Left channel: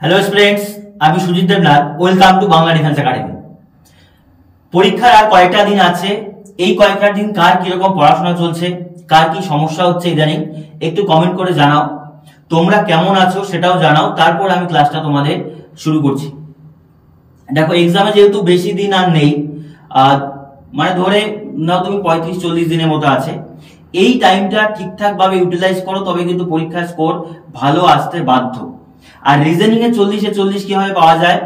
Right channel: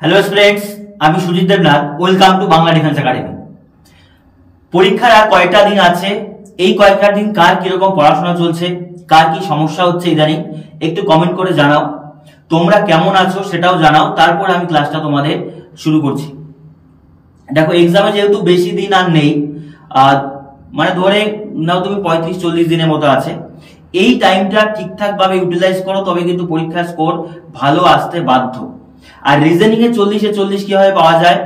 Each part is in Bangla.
হ্যালো স্টুডেন্টস, আমি Sujit Debnath. Welcome to Bangla defence academy. পরীক্ষার আর কয়েকটা দিন আছে। এই কয়েকটা দিন কার কিরকম পড়াশোনা চলছে, কার কি সমস্যা হচ্ছে ইদানিং, একটু কমেন্ট করে জানাও। তোমরা কেমন আছো সেটাও জানাও, তারপর আমি ক্লাসটা তোমাদের শুরু করছি। দেখো, এক্সামে যেহেতু বেশি দিন আর নেই, মানে ধরে নাও তুমি 35-40 দিনের মতো আছে। এই টাইমটা ঠিকঠাক ভাবে ইউটিলাইজ করো, তবে কিন্তু পরীক্ষার স্কোর ভালো আসতে বাধ্য। আর রিজনিং এ 40-40 কিভাবে পাওয়া যায়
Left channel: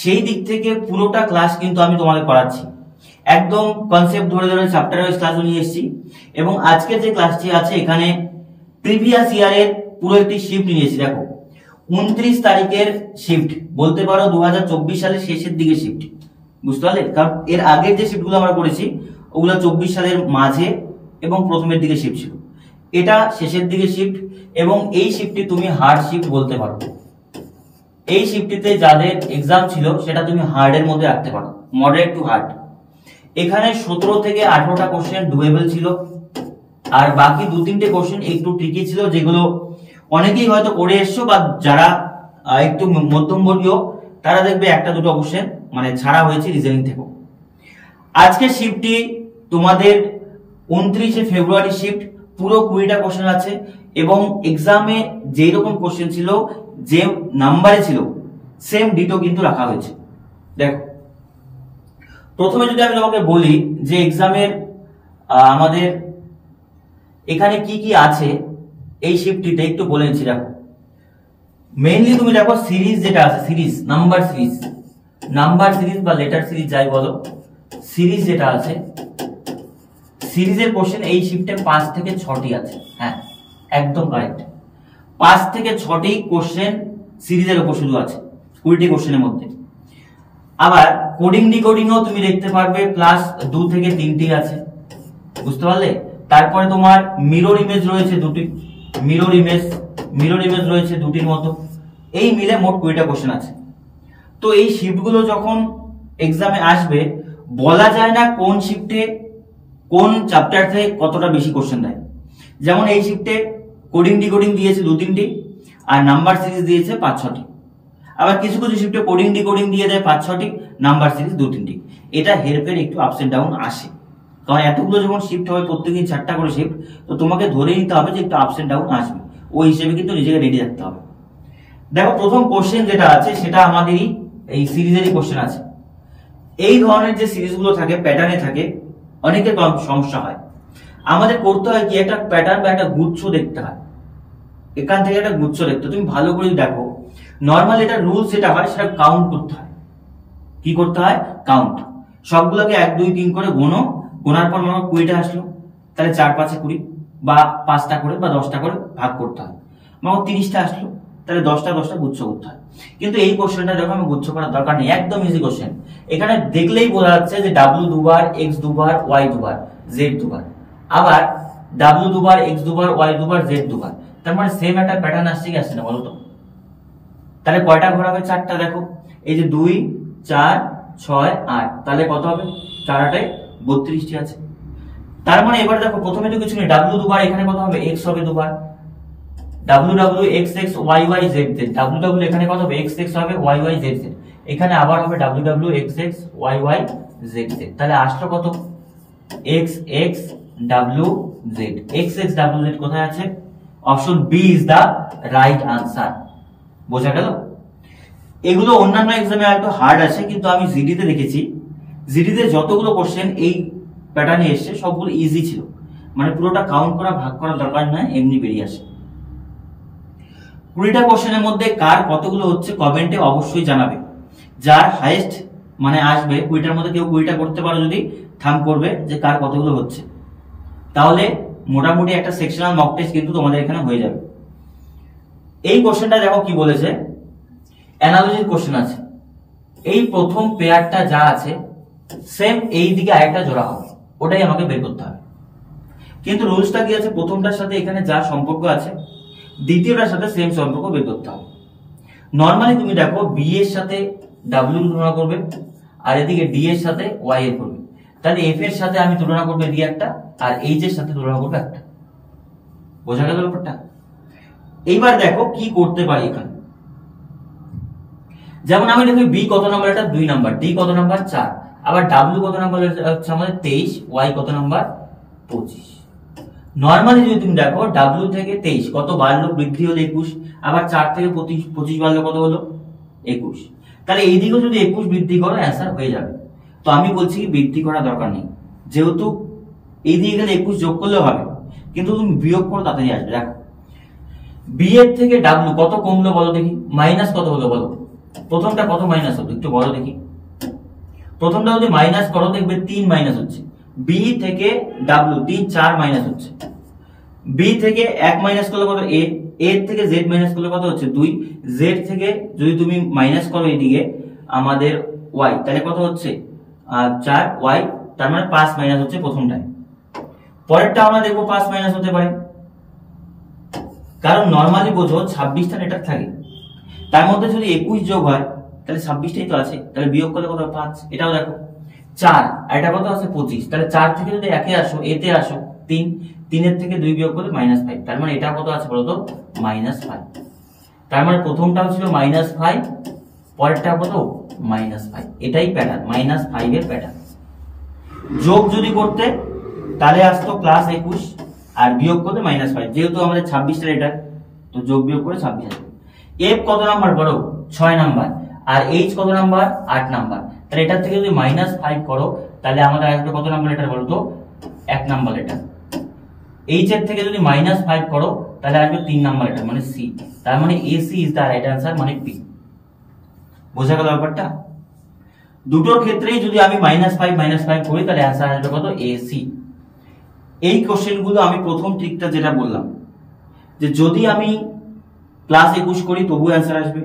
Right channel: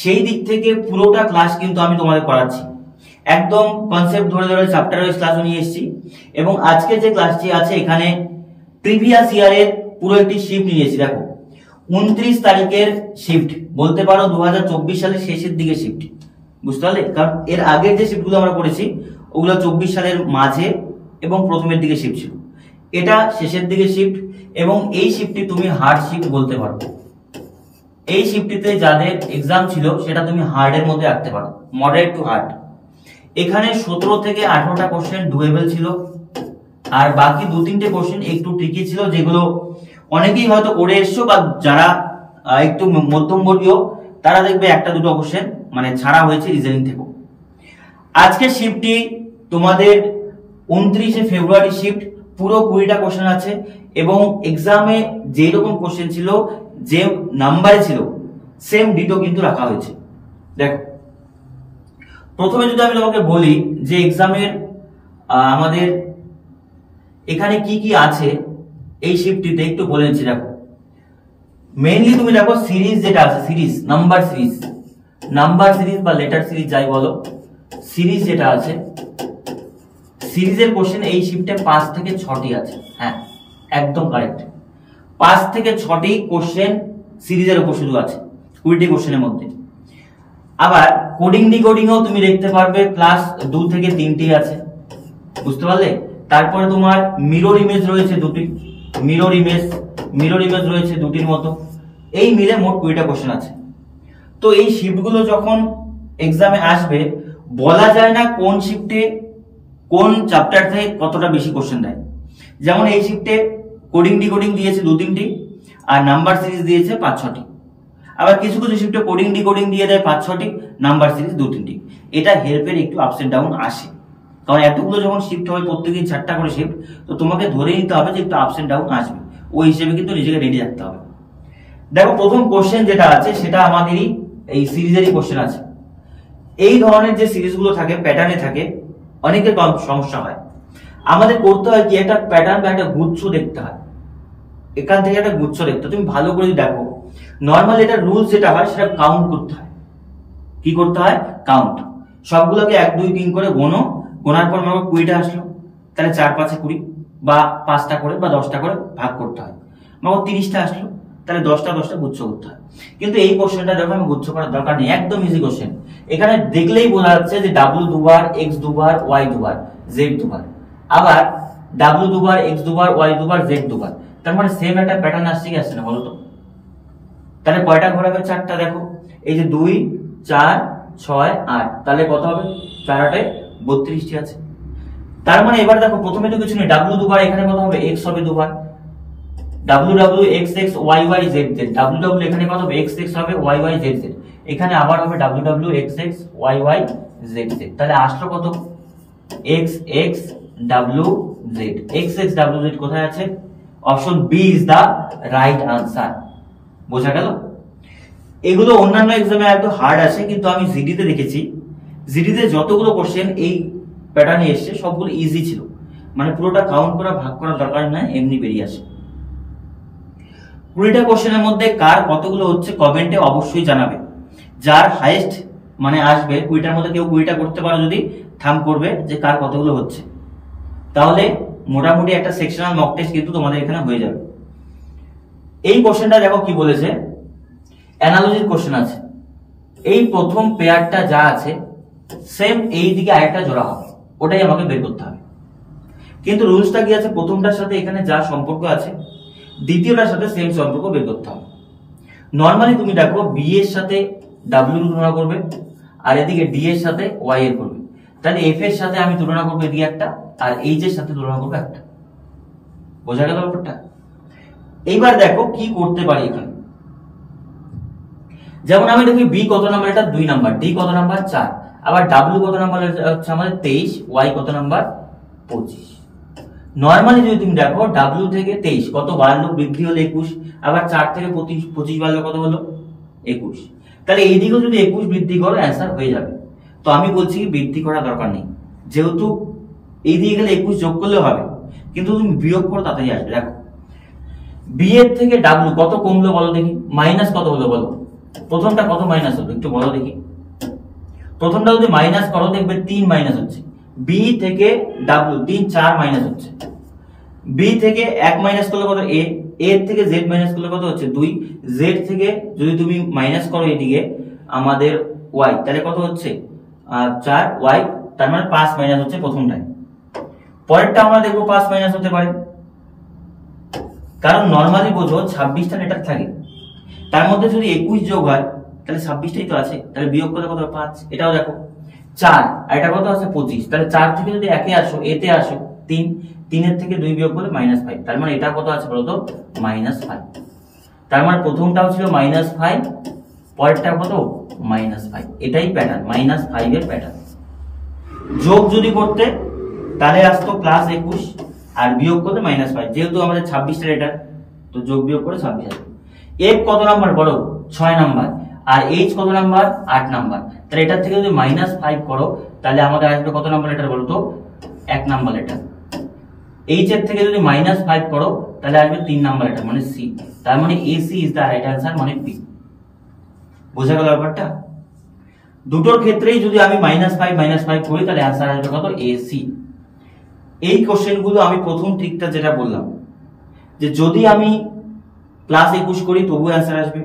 সেই দিক থেকে পুরোটা ক্লাস কিন্তু আমি তোমাদের করাচ্ছি। একদম কনসেপ্ট ধরে ধরে চ্যাপ্টার ওয়াইজ ক্লাস নিয়ে এসেছি। এবং আজকে যে ক্লাসটি আছে এখানে প্রিভিয়াস ইয়ারের পুরো একটি শিফট নিয়েছি। দেখো, 29 তারিখের শিফট, বলতে পারো 2024 সালের শেষের দিকে শিফট। বুঝতে পারলে? কারণ এর আগের যে শিফটগুলো আমরা করেছি ওগুলো 24 সালের মাঝে এবং প্রথমের দিকে শিফট ছিল। এটা শেষের দিকে শিফট, এবং এই শিফটটি তুমি হার্ড শিফট বলতে পারো। এই শিফটটিতে যাদের এক্সাম ছিল সেটা তুমি হার্ডের মধ্যে রাখতে পারো, মডারেট টু হার্ড। এখানে 17 থেকে 18টা কোশ্চেন ডুয়েবল ছিল, আর বাকি 2-3টে কোশ্চেন একটু ট্রিকি ছিল, যেগুলো অনেকেই হয়তো করে এসছো, বা যারা একটু মধ্যমবর্গীয় তারা দেখবে 1-2টো কোশ্চেন মানে ছাড়া হয়েছে রিজনিং থেকে। আজকের শিফটটি তোমাদের 29শে ফেব্রুয়ারি শিফট, পুরো 20টা কোশ্চেন আছে, এবং এক্সামে যেই রকম কোশ্চেন ছিল, যে নাম্বারে ছিল, সেম ডিটো কিন্তু রাখা হয়েছে। দেখো, প্রথমে যদি আমি তোমাকে বলি যে এক্সামের আমাদের এখানে কি কি আছে এই শিফটটিতে, একটু বলে নিচ্ছি। দেখো, মেইনলি তুমি দেখো সিরিজ যেটা আছে, সিরিজ নাম্বার সিরিজ বা লেটার সিরিজ যাই বলো, সিরিজ যেটা আছে, সিরিজের কোশ্চেন এই শিফটে 5 থেকে 6টি আছে। হ্যাঁ, একদম কারেক্ট। 5 থেকে 6টি কোশ্চেন সিরিজের উপর শুধু আছে 20টি কোশ্চেনের মধ্যে। আবার কোডিং ডিকোডিংও তুমি দেখতে পারবে, প্লাস 2 থেকে 3টি আছে। বুঝতে পারলে? তারপরে তোমার মিরর ইমেজ রয়েছে 2টি, মিরর ইমেজ রয়েছে 2টির মতো। এই মিলে মোট 20টা কোশ্চেন আছে। তো এই শিফটগুলো যখন এক্সামে আসবে, বলা যায় না কোন শিফটে কোন চ্যাপ্টার থেকে কতটা বেশি কোশ্চেন দেয়। যেমন এই শিফটে কোডিং ডিকোডিং দিয়েছে 2-3টি, আর নাম্বার সিরিজ দিয়েছে 5-6টি। আবার কিছু কিছু শিফটে কোডিং ডিকোডিং দিয়ে দেয় 5-6টি, নাম্বার সিরিজ 2-3টি। এটা হেল্পের একটু আপস এন্ড ডাউন আসে, কারণ এতগুলো যখন শিফট হবে, প্রত্যেকদিন 4টা করে শিফট, তো তোমাকে ধরে নিতে হবে যে একটু আপস এন্ড ডাউন আসবে। ওই হিসেবে কিন্তু নিজেকে রেডি রাখতে হবে। দেখো, প্রথম কোশ্চেন যেটা আছে সেটা আমাদেরই এই সিরিজেরই কোশ্চেন আছে। এই ধরনের যে সিরিজগুলো থাকে, প্যাটার্নে থাকে, অনেকের সমস্যা হয়। আমাদের করতে হয় কি, একটা প্যাটার্ন বা একটা গুচ্ছ দেখতে হয়। এখান থেকে একটা গুচ্ছ দেখতে, তুমি ভালো করে দেখো। নর্মালি এটা রুলস যেটা হয় সেটা কাউন্ট করতে হয়। কি করতে হয়? কাউন্ট। সবগুলোকে 1, 2, 3 করে গোনার পর মনে 20টা আসলো, তাহলে 4-5-এ 20, বা 5টা করে বা 10টা করে ভাগ করতে হয়। মনে 30টা আসলো, তাহলে 10টা গুচ্ছ করতে হয়। কিন্তু এই কোশ্চেনটা দেখো, আমি গুচ্ছ করার দরকার নেই, একদম ইজি কোশ্চেন। এখানে দেখলেই বোঝা যাচ্ছে যে W দুবার, X দুবার, Y দুবার, Z দুবার, আবার W দুবার, X দুবার, Y দুবার, Z দুবার। তার মানে সেম একটা প্যাটার্ন আসছে কি আসছে না বলো তো? তাহলে কয়টা ঘর হবে? 4টা। দেখো, এই যে 2, 4, 6, 8, তাহলে কত হবে? 4-8-এ 32টি আছে। তার মানে এবার দেখো, প্রথমে তো কিছু নেই, W দুবার, এখানে কত হবে? X হবে দুবার, W X X Y Y Z Z, W এখানে কত হবে? X X হবে, Y Y Z Z, এখানে আবার হবে W X X Y Y Z Z। তাহলে আসলো কত? X X W Z। X X W Z কোথায় আছে? Option B is the right answer. বোঝা গেল? এগুলো অন্যান্য এক্সামে একটু হার্ড আছে, কিন্তু আমি জিডিতে দেখেছি, জিডিতে যতগুলো কোশ্চেন এই প্যাটার্নে এসছে সবগুলো ইজি ছিল। মানে পুরোটা কাউন্ট করা, ভাগ করার দরকার নয়, এমনি বেরিয়ে আসে। 20টা কোশ্চেনের মধ্যে কার কতগুলো হচ্ছে কমেন্টে অবশ্যই জানাবে। যার হাইয়েস্ট মানে আসবে 20টার মধ্যে, কেউ 20টা করতে পারে যদি, থাম করবে যে কার কতগুলো হচ্ছে, তাহলে মোটামুটি একটা সেকশনাল মক টেস্ট কিন্তু তোমাদের এখানে হয়ে যাবে। এই কোশ্চেনটা দেখো কি বলেছে, অ্যানালজির কোশ্চেন আছে। এই প্রথম পেয়ারটা যা আছে, সেম এই দিকে আরেকটা জোড়া হবে, ওটাই আমাকে বের করতে হবে। কিন্তু রুলসটা কি আছে, প্রথমটার সাথে এখানে যা সম্পর্ক আছে, দ্বিতীয়টার সাথে সেম সম্পর্ক বের করতে হবে। নর্মালি তুমি দেখো, বি এর সাথে ডাব্লিউ তুলনা করবে, আর এদিকে ডি এর সাথে ওয়াই এর করবে। তাহলে এফ এর সাথে আমি তুলনা করবো এদিকে একটা, আর এইচ এর সাথে তুলনা করবো একটা। বোঝা গেল ব্যাপারটা? এইবার দেখো কি করতে পারি এখানে। যেমন আমি দেখি বি কত নাম্বার, এটা 2 নাম্বার, ডি কত নাম্বার 4, আবার ডাব্লিউ কত নাম্বার হচ্ছে আমাদের 23, ওয়াই কত নাম্বার 25। নরমালি যদি তুমি দেখো ডাব্লিউ থেকে 23 কত বাড়লো, বৃদ্ধি হলো 21, আবার 4 থেকে 25 বাড়লো কত হলো 21। তাহলে এই দিকেও যদি 21 বৃদ্ধি করো অ্যান্সার হয়ে যাবে। তো আমি বলছি কি বৃদ্ধি করার দরকার নেই, যেহেতু এই দিকে গেলে 21 যোগ করলেও হবে, কিন্তু তুমি বিয়োগ করো তাড়াতাড়ি আসবে। দেখো বি এর থেকে ডাব্লিউ কত কমলো বলো দেখি, মাইনাস কত হলো বলো, প্রথমটা কত মাইনাস হলো একটু বলো দেখি। প্রথমটা যদি মাইনাস করো দেখবে 3 মাইনাস হচ্ছে, বি থেকে ডাব্লিউ 3 4 মাইনাস হচ্ছে, বি থেকে 1 মাইনাস করলে কত এ, এ থেকে জেড মাইনাস করলে কত হচ্ছে 2, জেড থেকে যদি তুমি মাইনাস করো এদিকে আমাদের ওয়াই, তাহলে কত হচ্ছে 4 ওয়াই, তার মানে 5 মাইনাস হচ্ছে প্রথমটায়। পরেরটা আমরা দেখবো 5 মাইনাস হতে পারে, কারণ নরমালি বোঝো 26টা লেটার থাকে, তার মধ্যে যদি 21 যোগ হয় তাহলে 26টাই তো আছে, তাহলে বিয়োগ করলে কত 5। এটাও দেখো 4 আর এটা কত আছে 25, তাহলে 4 থেকে যদি একে আসো এতে আসো 3, 3 এর থেকে 2 বিয়োগ করলে -5, তার মানে এটা কত আছে বলতো -5। তার মানে প্রথমটাও ছিল -5, পরেরটা কত -5, এটাই প্যাটার্ন -5 এর প্যাটার্ন। যোগ যদি করতে তাহলে আসতো +21 আর বিয়োগ করতে -5, যেহেতু আমাদের 26টা লেটার তো যোগ বিয়োগ করে 26 আসবে। এফ কত নাম্বার বলো 6 নাম্বার, আর এইচ কত নাম্বার 8 নাম্বার, তাহলে এটার থেকে যদি -5 করো তাহলে আমাদের আসবে কত নাম্বার লেটার বলো তো 1 নাম্বার লেটার। এইচ এর থেকে যদি -5 করো তাহলে আসবে 3 নাম্বার লেটার মানে সি, তার মানে AC is the right answer মানে পি। বোঝা গেল ব্যাপারটা? দুটোর ক্ষেত্রেই যদি আমি -5 করি তাহলে অ্যান্সার আসবে কত এসি। এই কোশ্চেন গুলো আমি প্রথম ট্রিকটা যেটা বললাম যে যদি আমি +21 করি তবুও অ্যান্সার আসবে,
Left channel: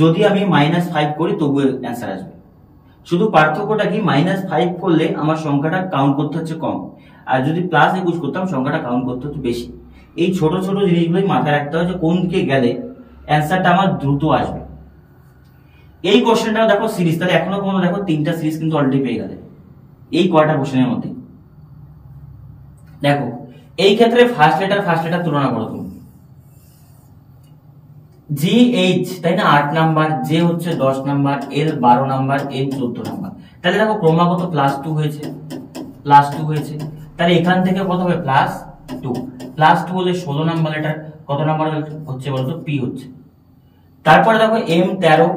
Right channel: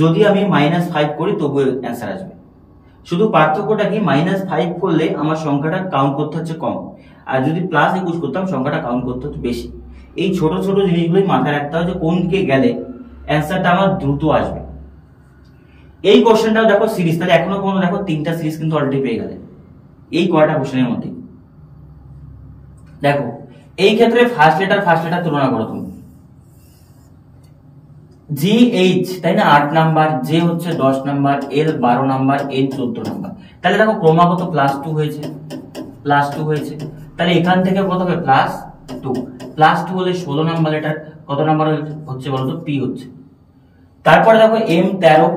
যদি আমি -5 করি তবুও অ্যান্সার আসবে। শুধু পার্থক্যটা কি -5 করলে আমার সংখ্যাটা কাউন্ট করতে হচ্ছে কম, আর যদি +21 করতাম সংখ্যাটা কাউন্ট করতে হচ্ছে বেশি। এই ছোট ছোট জিনিসগুলোই মাথায় রাখতে হয় যে কোন দিকে গেলে অ্যান্সারটা আমার দ্রুত আসবে। এই কোশ্চেনটাও দেখো সিরিজ, তাহলে এখনো পর্যন্ত দেখো 3টা সিরিজ কিন্তু অলরেডি পেয়ে গেলে এই কয়টা কোশ্চেনের মধ্যে। দেখো এই ক্ষেত্রে ফার্স্ট লেটার তুলনা করো তুমি, জি এইচ তাই না 8 নাম্বার, জে হচ্ছে 10 নাম্বার, এল 12 নাম্বার, এন 14 নাম্বার, তাহলে দেখো ক্রমাগত +2 হয়েছে, তাহলে এখান থেকে কত হবে +2 হলে 16 নাম্বার লেটার, কত নাম্বার হচ্ছে বলতো পি হচ্ছে। তারপরে দেখো এম 13,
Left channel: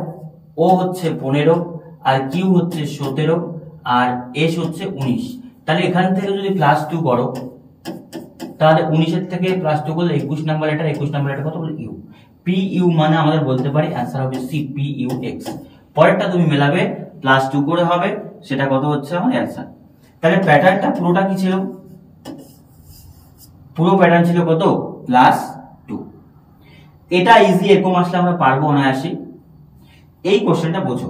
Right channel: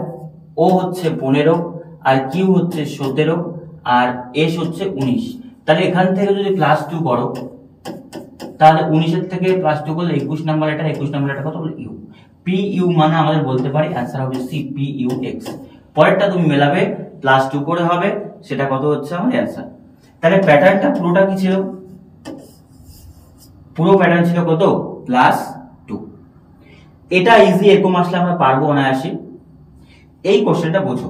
ও হচ্ছে 15, আর কিউ হচ্ছে 17, আর এস হচ্ছে 19, তাহলে এখান থেকে যদি +2 করো তাহলে 19 এর থেকে +2 করলে 21 নাম্বার লেটার, 21 নাম্বার লেটার কত বলে ইউ, পি ইউ মানে আমাদের বলতে পারি অ্যান্সার হবে সি পি ইউ এক্স। পরেরটা তুমি মেলাবে +2 করে হবে, সেটা কত হচ্ছে আমার অ্যান্সার। তাহলে প্যাটার্নটা পুরোটা কি ছিল, পুরো প্যাটার্ন ছিল কত +2। এটা ইজি, এরকম আসলে আমরা পারবো অনায়াসে। এই কোশ্চেনটা বোঝো,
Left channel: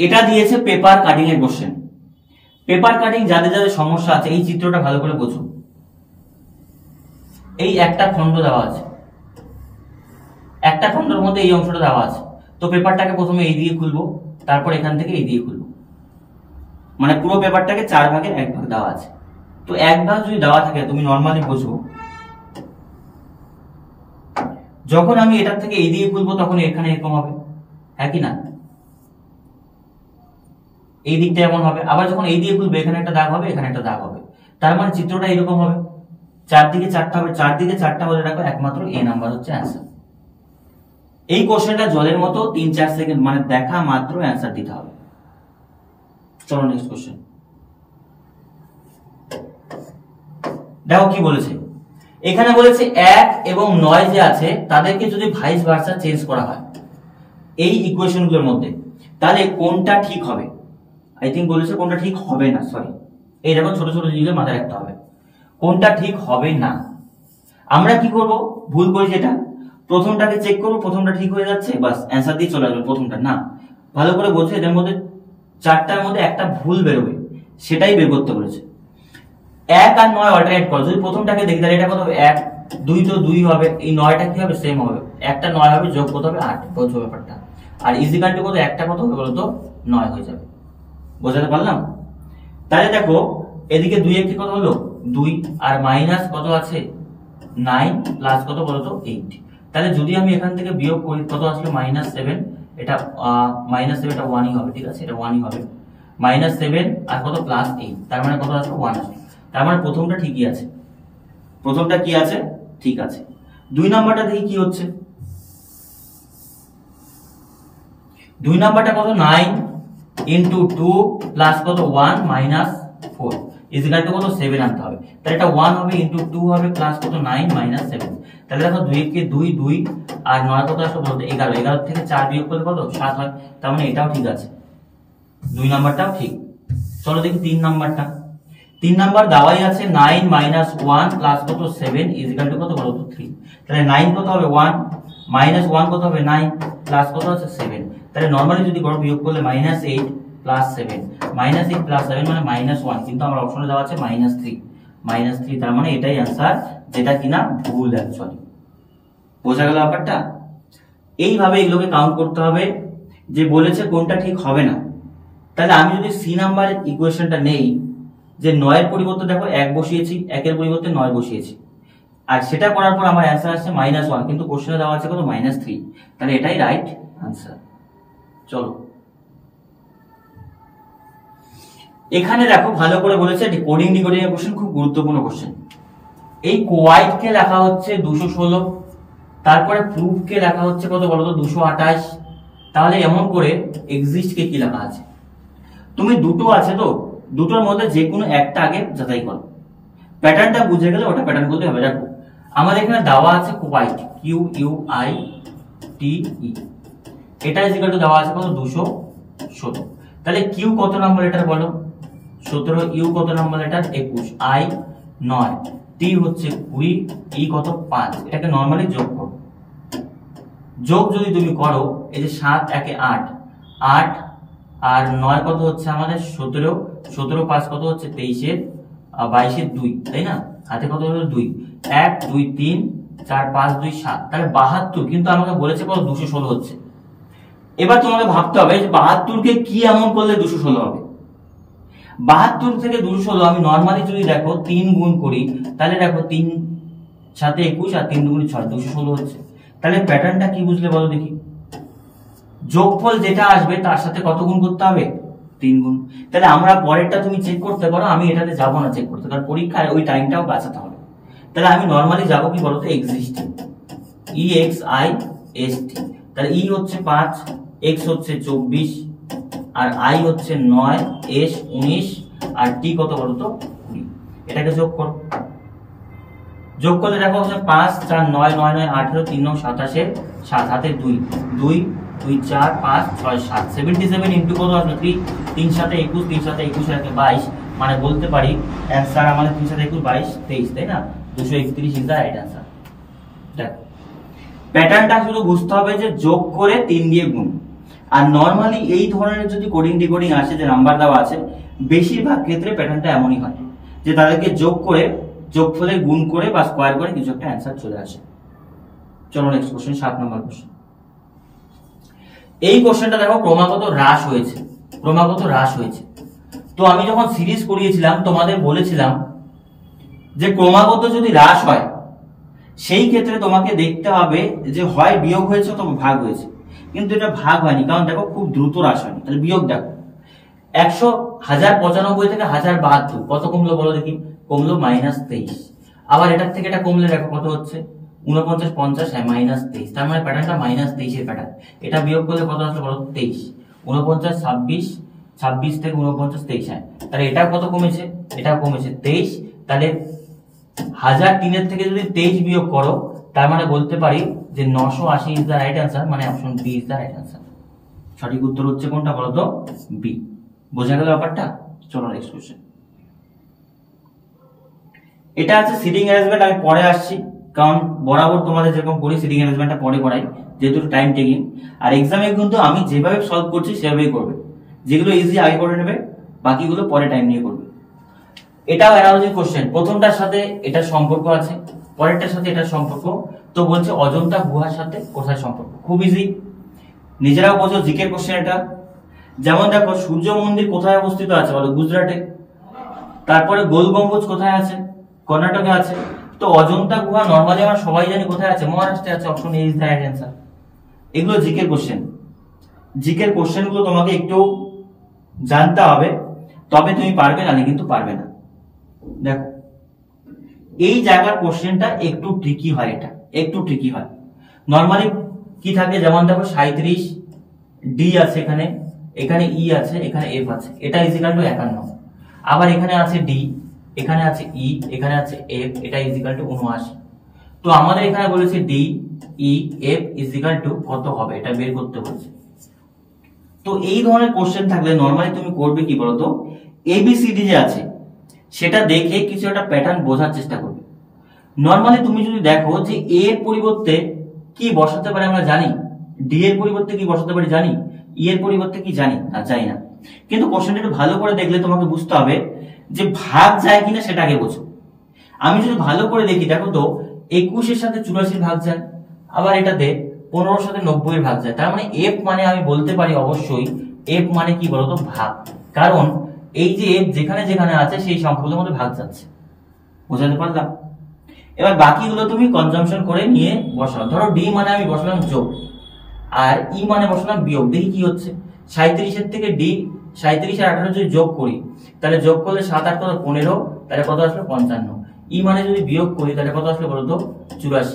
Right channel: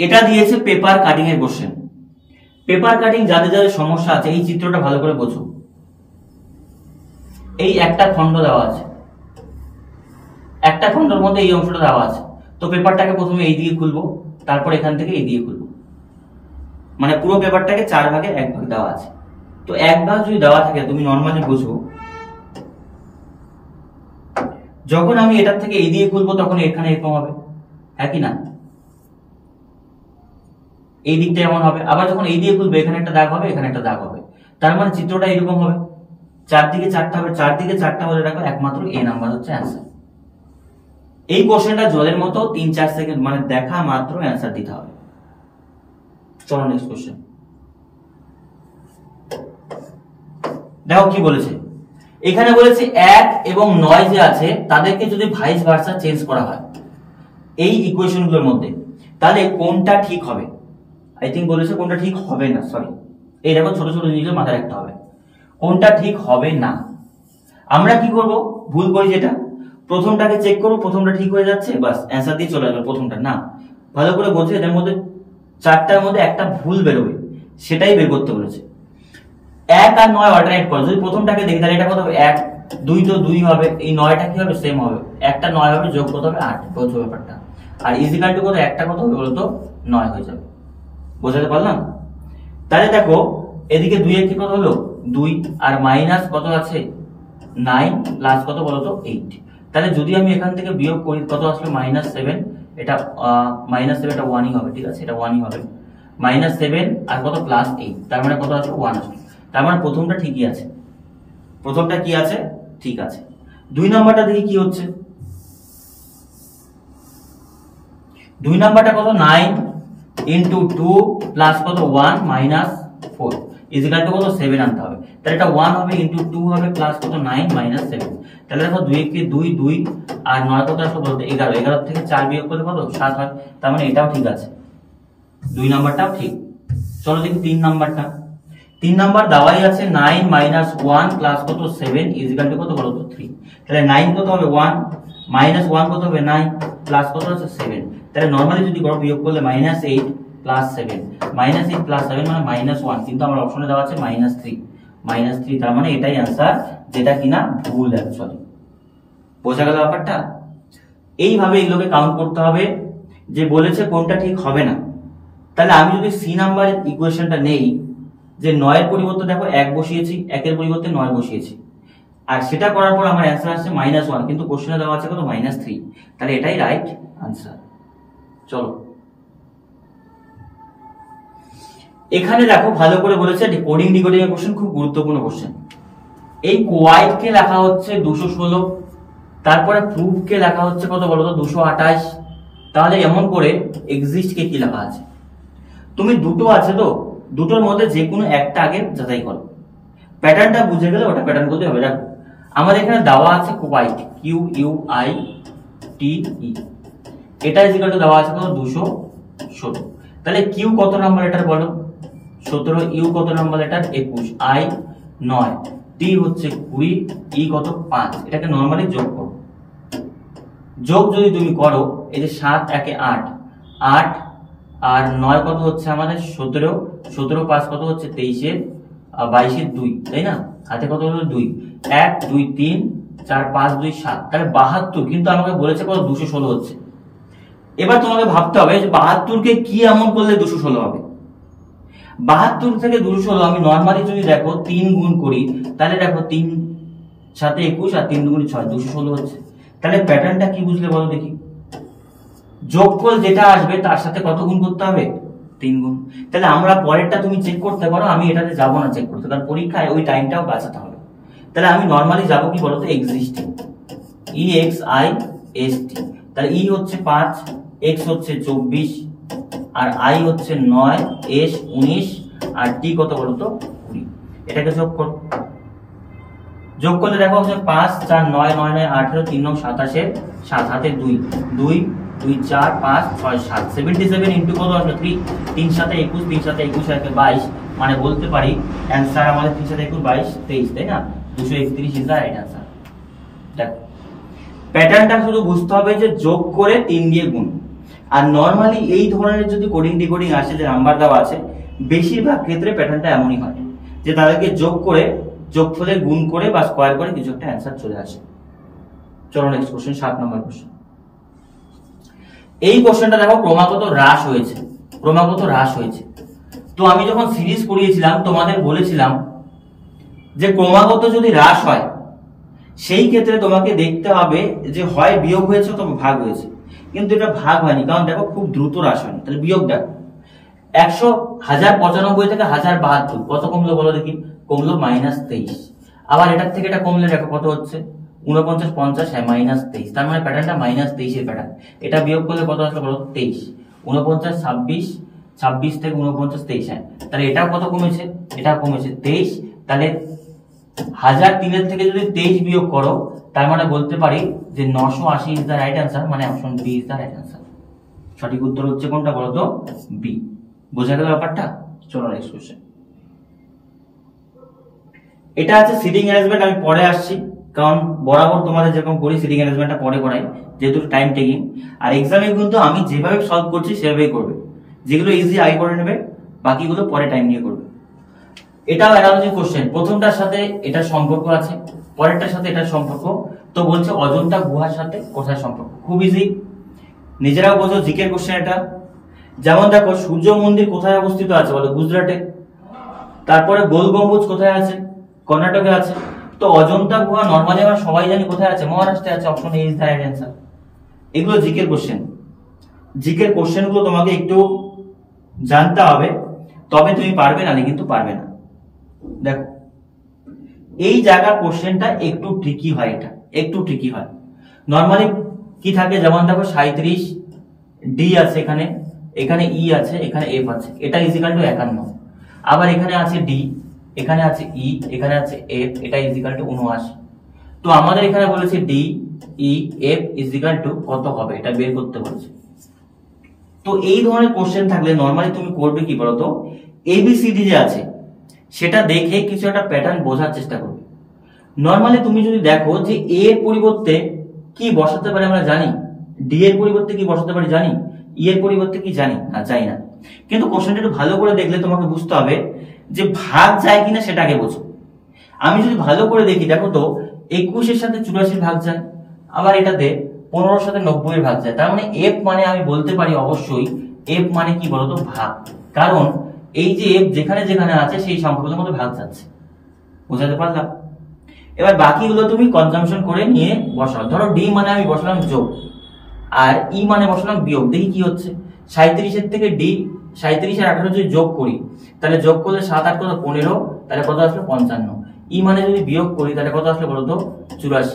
এটা দিয়েছে পেপার কাটিং এর কোশ্চেন। পেপার কাটিং যাদের যাদের সমস্যা আছে এই চিত্রটা ভালো করে বোঝো। এই একটা খন্ড দেওয়া আছে, একটা খন্ডের মধ্যে এই অংশটা দেওয়া আছে, তো পেপারটাকে প্রথমে এই দিয়ে খুলবো, তারপর এখান থেকে এই দিয়ে খুলবো, মানে পুরো পেপারটাকে 4 ভাগে 1 ভাগ দেওয়া আছে। তো 1 ভাগ যদি দেওয়া থাকে তুমি নরমালি বোঝো, যখন আমি এটার থেকে এই দিয়ে খুলবো তখন এখানে এরকম হবে, হ্যাঁ কি না, এই দিকটা এমন হবে, আবার যখন এই দিয়ে খুলবে এখানে একটা দাগ হবে, এখানে একটা দাগ হবে, তার মানে চিত্রটা এরকম হবে, চারদিকে 4টা হবে, চারদিকে 4টা বলে রাখো, একমাত্র এ নাম্বার হচ্ছে অ্যান্সার। এই কোশ্চেনটা জলের মতো 3-4 সেকেন্ড মানে দেখা মাত্র অ্যান্সার দিতে হবে। চলো নেক্সট কোশ্চেন দেখো কি বলেছে। এখানে বলেছে 1 এবং 9 যে আছে তাদেরকে যদি ভাইস ভার্সা চেঞ্জ করা হয় এই ইকুয়েশন গুলোর মধ্যে, তাহলে কোনটা ঠিক হবে। আই থিঙ্ক বলেছে কোনটা ঠিক হবে না, সরি, এই দেখো ছোট ছোট জিনিসগুলো মাথায় রাখতে হবে, কোনটা ঠিক হবে না। আমরা কি করব, ভুল করি যেটা, প্রথমটাকে চেক করব, প্রথমটা ঠিক হয়ে যাচ্ছে বাস অ্যান্সার দিয়ে চলে আসবে প্রথমটা। না, ভালো করে বোঝো, এদের মধ্যে 4টার মধ্যে একটা ভুল বেরোবে, সেটাই বের করতে বলেছে। 1 আর 9 অল্টারনেট করো, যদি প্রথমটাকে দেখি তাহলে এটা কত হবে 1, 2 তো 2 হবে, এই 9টা কি হবে সেম হবে, একটা 9 হবে, যোগ কত হবে 8, বোঝো ব্যাপারটা। আর ইজিক্যাল টু কত, একটা কত হবে বলতো 9 হয়ে যাবে, বোঝাতে পারলাম। তাহলে দেখো এদিকে 2 এর কি কত হলো 2, আর মাইনাস কত আছে 9, প্লাস কত বলতো 8, তাহলে যদি আমি এখান থেকে বিয়োগ করি কত আসলে -7, এটা -7 এটা 1ই হবে, ঠিক আছে, এটা 1ই হবে। -7 আর কত +8, তার মানে কত আসলে 1 আসবে। তার মানে প্রথমটা ঠিকই আছে, প্রথমটা কি আছে, ঠিক আছে। 2 নাম্বারটা দেখি কি হচ্ছে। 2 নাম্বারটা কত 9 ইনটু 2 প্লাস কত 1 মাইনাস 4 ইকুয়াল টু কত 7 আনতে হবে। তাহলে এটা 1 হবে ইনটু 2 হবে প্লাস কত 9 মাইনাস 7। তাহলে দেখো 2 কে 2 2 আর 9 কত আসলে বলতে 11, 11 থেকে 4 বিয়োগ করলে কত 7 হয়। তার মানে এটাও ঠিক আছে, 2 নাম্বারটাও ঠিক। চলো দেখি 3 নাম্বারটা। 3 নাম্বার দেওয়াই আছে 9 মাইনাস 1 প্লাস কত 7 ইকুয়াল টু কত বলো তো 3। তাহলে 9 কত হবে 1 মাইনাস 1 কত হবে 9 প্লাস কত আছে 7। তাহলে নরমালি যদি করো বিয়োগ করলে -8 প্লাস 7, -8 প্লাস 7 মানে -1, কিন্তু আমার অপশনে দেওয়া আছে -3, তার মানে এটাই आंसर, যেটা কিনা ভুল অ্যাকচুয়ালি। বোঝা গেল ব্যাপারটা? এইভাবে এগুলোকে কাউন্ট করতে হবে, যে বলেছে কোনটা ঠিক হবে না। তাহলে আমি যদি সি নাম্বার ইকুয়েশনটা নেই, যে 9 এর পরিবর্তে দেখো 1 বসিয়েছি, 1 এর পরিবর্তে 9 বসিয়েছি, আর সেটা করার পর আমার অ্যান্সার আসছে -1, কিন্তু কোশ্চেনে দেওয়া আছে কত -3, তাহলে এটাই রাইট আনসার। চলো এখানে দেখো ভালো করে বলেছে কোডিং ডিকোডিং এর কোশ্চেন, খুব গুরুত্বপূর্ণ কোশ্চেন। এই কোয়াইট কে লেখা হচ্ছে 216, তারপরে প্রুফ কে লেখা হচ্ছে কত বলো তো 228। তাহলে এমন করে এক্সিস্ট কে কি লেখা আছে? তুমি দুটো আছে তো, দুটোর মধ্যে যে কোনো একটা আগে যাচাই করো, প্যাটার্নটা বুঝে গেলে ওটা প্যাটার্ন বলতে হবে। দেখো আমাদের এখানে দেওয়া আছে কোয়াইট, QUITE, এটা ইকুয়াল টু দেওয়া আছে কত 216। তাহলে কিউ কত নাম্বার লেটার বলো 17, ইউ কত নাম্বার লেটার 21, আই 9, টি হচ্ছে 20, ই কত 5। এটাকে নরমালি যোগ করো। যোগ যদি তুমি করো, এই যে 7 1 8, 8 আর 9 কত হচ্ছে আমাদের 17, 17 5 কত হচ্ছে 23 এর 22 এর 2, তাই না? হাতে কত হলো 2, 1 2 3 4 5 2 7, তাহলে 72। কিন্তু আমাকে বলেছে কত 216 হচ্ছে। এবার তোমাকে ভাবতে হবে যে 72 কে কি এমন করলে 216 হবে। 72 থেকে 216 আমি নরমালি যদি দেখো 3 গুণ করি, তাহলে দেখো 3 সাথে 21 আর 3 দুগুণে 6, 216 হচ্ছে। তাহলে প্যাটার্নটা কি বুঝলে বলো দেখি? যোগফল যেটা আসবে তার সাথে কত গুণ করতে হবে? 3 গুণ। তাহলে আমরা পরেরটা তুমি চেক করতে পারো, আমি এটাতে যাব না চেক করতে, কারণ পরীক্ষায় ওই টাইমটাও বাঁচাতে হবে। তাহলে আমি নরমালি যাব কি বলতো এক্সিস্টিং, EXIST। তাহলে ই হচ্ছে 5, এক্স হচ্ছে 24 আর আই হচ্ছে 9, এস 19 আর টি কত বলতো 20। এটাকে যোগ করো। যোগ করলে দেখো হচ্ছে 5 4 9 9 9 18 3 9 27 এর 7 হাতে 2 2 2 4 5 6 7 77 ইনটু কত আসবে 3, 3 সাথে 21, 3 সাথে 21 আর 22, মানে বলতে পারি অ্যানসার আমাদের 3 সাথে 21 22 23, তাই না? 231 ইজ দা রাইট অ্যানসার। দেখো প্যাটার্নটা শুধু বুঝতে হবে যে যোগ করে 3 দিয়ে গুণ। আর নরমালি এই ধরনের যদি কোডিং ডিকোডিং আসে যে নাম্বার দেওয়া আছে, বেশিরভাগ ক্ষেত্রে প্যাটার্নটা এমনই হয় যে তাদেরকে যোগ করে যোগফলে গুণ করে বা স্কয়ার করে কিছু একটা অ্যানসার চলে আসে। চলো নেক্সট কোশ্চেন, 7 নম্বর কোশ্চেন। এই কোশ্চেনটা দেখো ক্রমাগত হ্রাস হয়েছে, ক্রমাগত হ্রাস হয়েছে। তো আমি যখন সিরিজ করিয়েছিলাম তোমাদের বলেছিলাম যে ক্রমাগত যদি হ্রাস হয় সেই ক্ষেত্রে তোমাকে দেখতে হবে যে হয় বিয়োগ হয়েছে অথবা ভাগ হয়েছে, কিন্তু এটা ভাগ হয়নি, কারণ দেখো খুব দ্রুত হ্রাস হয়নি। তাহলে বিয়োগ দেখো 1095 থেকে 1072 কত কমলো বলো দেখি? কমলো -23। আবার এটার থেকে এটা কমলে দেখো কত হচ্ছে 49 50, হ্যাঁ -23। তার মানে প্যাটার্নটা -23 এর প্যাটার্ন। এটা বিয়োগ করলে কত আসলো বলো 23, 49 26, 26 থেকে 49 23, হ্যাঁ তাহলে এটা কত কমেছে? এটা কমেছে 23। তাহলে 1003 এর থেকে যদি 23 বিয়োগ করো, তার মানে বলতে পারি যে 980 ইজ দা রাইট অ্যান্সার, মানে option B is the right answer. সঠিক উত্তর হচ্ছে কোনটা বলো তো? বি। বোঝা গেল ব্যাপারটা? চলো নেক্সট কোশ্চেন। এটা আছে সিটিং অ্যারেঞ্জমেন্ট, আমি পরে আসছি, কারণ বরাবর তোমাদের যেরকম করি সিটিং অ্যারেঞ্জমেন্টটা পরে করাই, যেহেতু টাইম টেকিং। আর এক্সামে কিন্তু আমি যেভাবে সলভ করছি সেভাবেই করবে, যেগুলো ইজি আগে করে নেবে, বাকিগুলো পরে টাইম নিয়ে করবে। এটাও অ্যানালজি কোশ্চেন, প্রথমটার সাথে এটার সম্পর্ক আছে, পরেরটার সাথে এটার সম্পর্ক। তো বলছে অজন্তা গুহার সাথে কোথায় সম্পর্ক? খুব ইজি, নিজেরাও বোঝো, জিকের কোশ্চেন এটা। যেমন দেখো সূর্য মন্দির কোথায় অবস্থিত আছে বলো? গুজরাটে। তারপরে গোল গম্বুজ কোথায় আছে? কর্ণাটকে আছে। তো অজন্তা গুহা নরমালি আমরা সবাই জানি কোথায় আছে, মহারাষ্ট্রে আছে, option A is the right answer. এগুলো জিকের কোশ্চেন, জিকের কোশ্চেন গুলো তোমাকে একটু জানতে হবে, তবে তুমি পারবে, না কিন্তু পারবে না। দেখো এই জায়গার কোশ্চেনটা একটু ট্রিকি হয়, এটা একটু ট্রিকি হয়। নরমালি কি থাকে, যেমন দেখো 37 ডি আছে, এখানে এখানে ই আছে, এখানে এফ আছে, এটা ইজিক্যাল টু 51। আবার এখানে আছে ডি, এখানে আছে ই, এখানে আছে এফ, এটা ইজিক্যাল টু 79। তো আমাদের এখানে বলেছে D E F is equal to কত হবে, এটা বের করতে বলছে। তো এই ধরনের কোশ্চেন থাকলে নরমালি তুমি করবে কি বলতো, এবিসিডি যে আছে সেটা দেখে কিছু একটা প্যাটার্ন বোঝার চেষ্টা করবে। নরমালি তুমি যদি দেখো যে এ এর পরিবর্তে কি বসাতে পারে আমরা জানি, ডি এর পরিবর্তে কি বসাতে পারি জানি, ই এর পরিবর্তে কি জানি না, জানি না। কিন্তু কোশ্চেনটা একটু ভালো করে দেখলে তোমাকে বুঝতে হবে যে ভাগ যায় কিনা সেটা আগে বোঝো। আমি যদি ভালো করে দেখি, দেখো তো 21 এর সাথে 84 ভাগ যায়, আবার এটাতে 15 এর সাথে 90 এর ভাগ যায়। তার মানে এফ মানে আমি বলতে পারি অবশ্যই এফ মানে কি বলতো, ভাগ। কারণ এই যে এফ যেখানে যেখানে আছে সেই সংখ্যাগুলোর মধ্যে ভাগ যাচ্ছে। বোঝাতে পারলাম? এবার বাকিগুলো তুমি কনজাম্পশন করে নিয়ে বসাও। ধরো ডি মানে আমি বসালাম যোগ, আর ই মানে বসালাম বিয়োগ। দেখি কি হচ্ছে। 37 এর থেকে ডি, 37 আর 18 যদি যোগ করি, তাহলে যোগ করলে 7 8 কত 15, তাহলে কত আসলো 55। ই মানে যদি বিয়োগ করি তাহলে কত আসলো বলতো 84।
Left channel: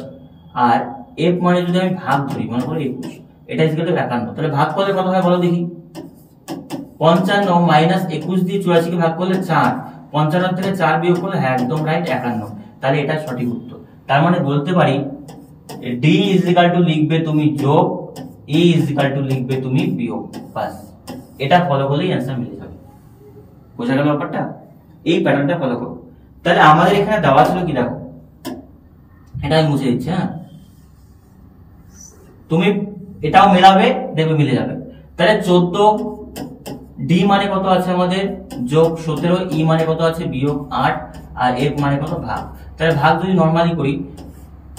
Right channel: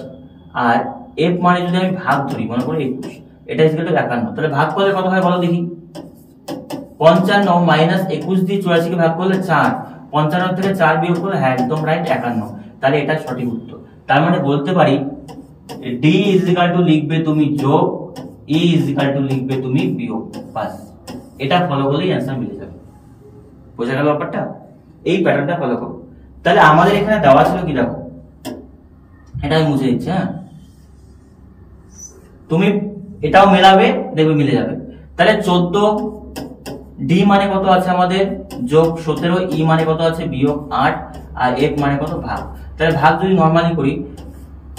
আর এফ মানে যদি আমি ভাগ ধরি, মনে করি 21, এটা ইকুয়াল টু 51। তাহলে ভাগ করলে কত হয় বলো দেখি। 55 মাইনাস 21 দিয়ে 84 কে ভাগ করলে 4, 55 থেকে 4 বিয়োগ করলে, হ্যাঁ একদম রাইট 51। তাহলে এটা সঠিক উত্তর। তার মানে বলতে পারি ডি ইজ ইকুয়াল টু লিখবে তুমি যোগ, ই ইজ ইকুয়াল টু লিখবে তুমি বিয়োগ, বাস। এটা ফলো করলেই অ্যান্সার মিলে যাবে। বোঝা গেল ব্যাপারটা? এই প্যাটার্নটা ফলো করো। তাহলে আমাদের এখানে দেওয়া ছিল কি, দেখো এটা আমি মুছে দিচ্ছি। হ্যাঁ, তুমি এটাও মেলাবে, দেখবে মিলে যাবে। তাহলে 14 ডি মানে কত আছে আমাদের যোগ 17, ই মানে কত আছে বিয়োগ 8, আর এফ মানে কত ভাগ। তাহলে ভাগ যদি নরমালি করি,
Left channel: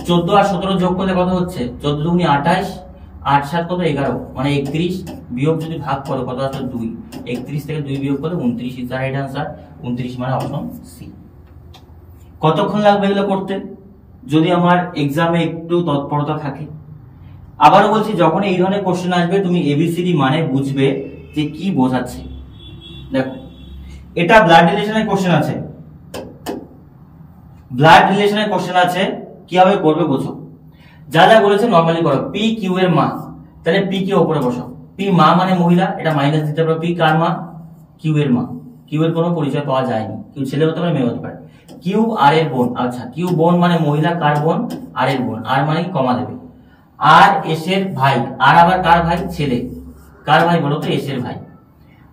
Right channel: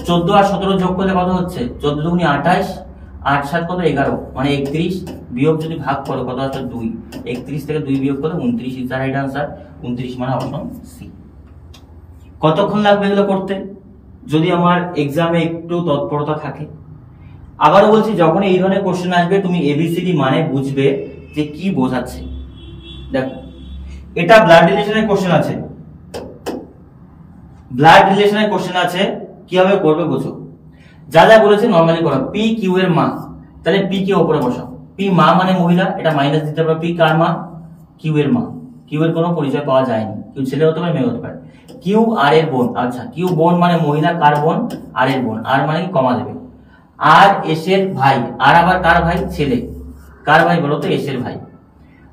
14 আর 17 যোগ করলে কত হচ্ছে 14 দুগুণে 28, 8 7 কত 11 মানে 31, বিয়োগ যদি ভাগ করো কত আসছে 2, 31 থেকে 2 বিয়োগ করলে 29 ইজ দ্য রাইট আনসার। 29 মানে অপশন সি। কতক্ষণ লাগবে এগুলো করতে যদি আমার এক্সামে একটু তৎপরতা থাকে? আবারও বলছি, যখন এই ধরনের কোশ্চেন আসবে তুমি এবিসিডি মানে বুঝবে যে কি বোঝাচ্ছে। দেখো এটা ব্লাড রিলেশনের কোশ্চেন আছে, ব্লাড রিলেশনের কোশ্চেন আছে, কিভাবে করবে বোঝো। যা যা বলেছে নরমালি করো। পি কিউ এর মা, তাহলে পি কে উপরে বসাও। পি মা মানে মহিলা, এটা মাইনাস দিতে পারো। পি কার মা? কিউ এর মা। কিউ এর কোনো পরিচয় পাওয়া যায়নি, কিউ ছেলে হতে পারে মেয়ে হতে পারে। কিউ আর এর বোন, আচ্ছা কিউ বোন মানে মহিলা, কার বোন? আর এর বোন। আর মানে কি কমা দেবে। আর এস এর ভাই, আর আবার কার ভাই? ছেলে। কার ভাই বলো তো? এস এর ভাই।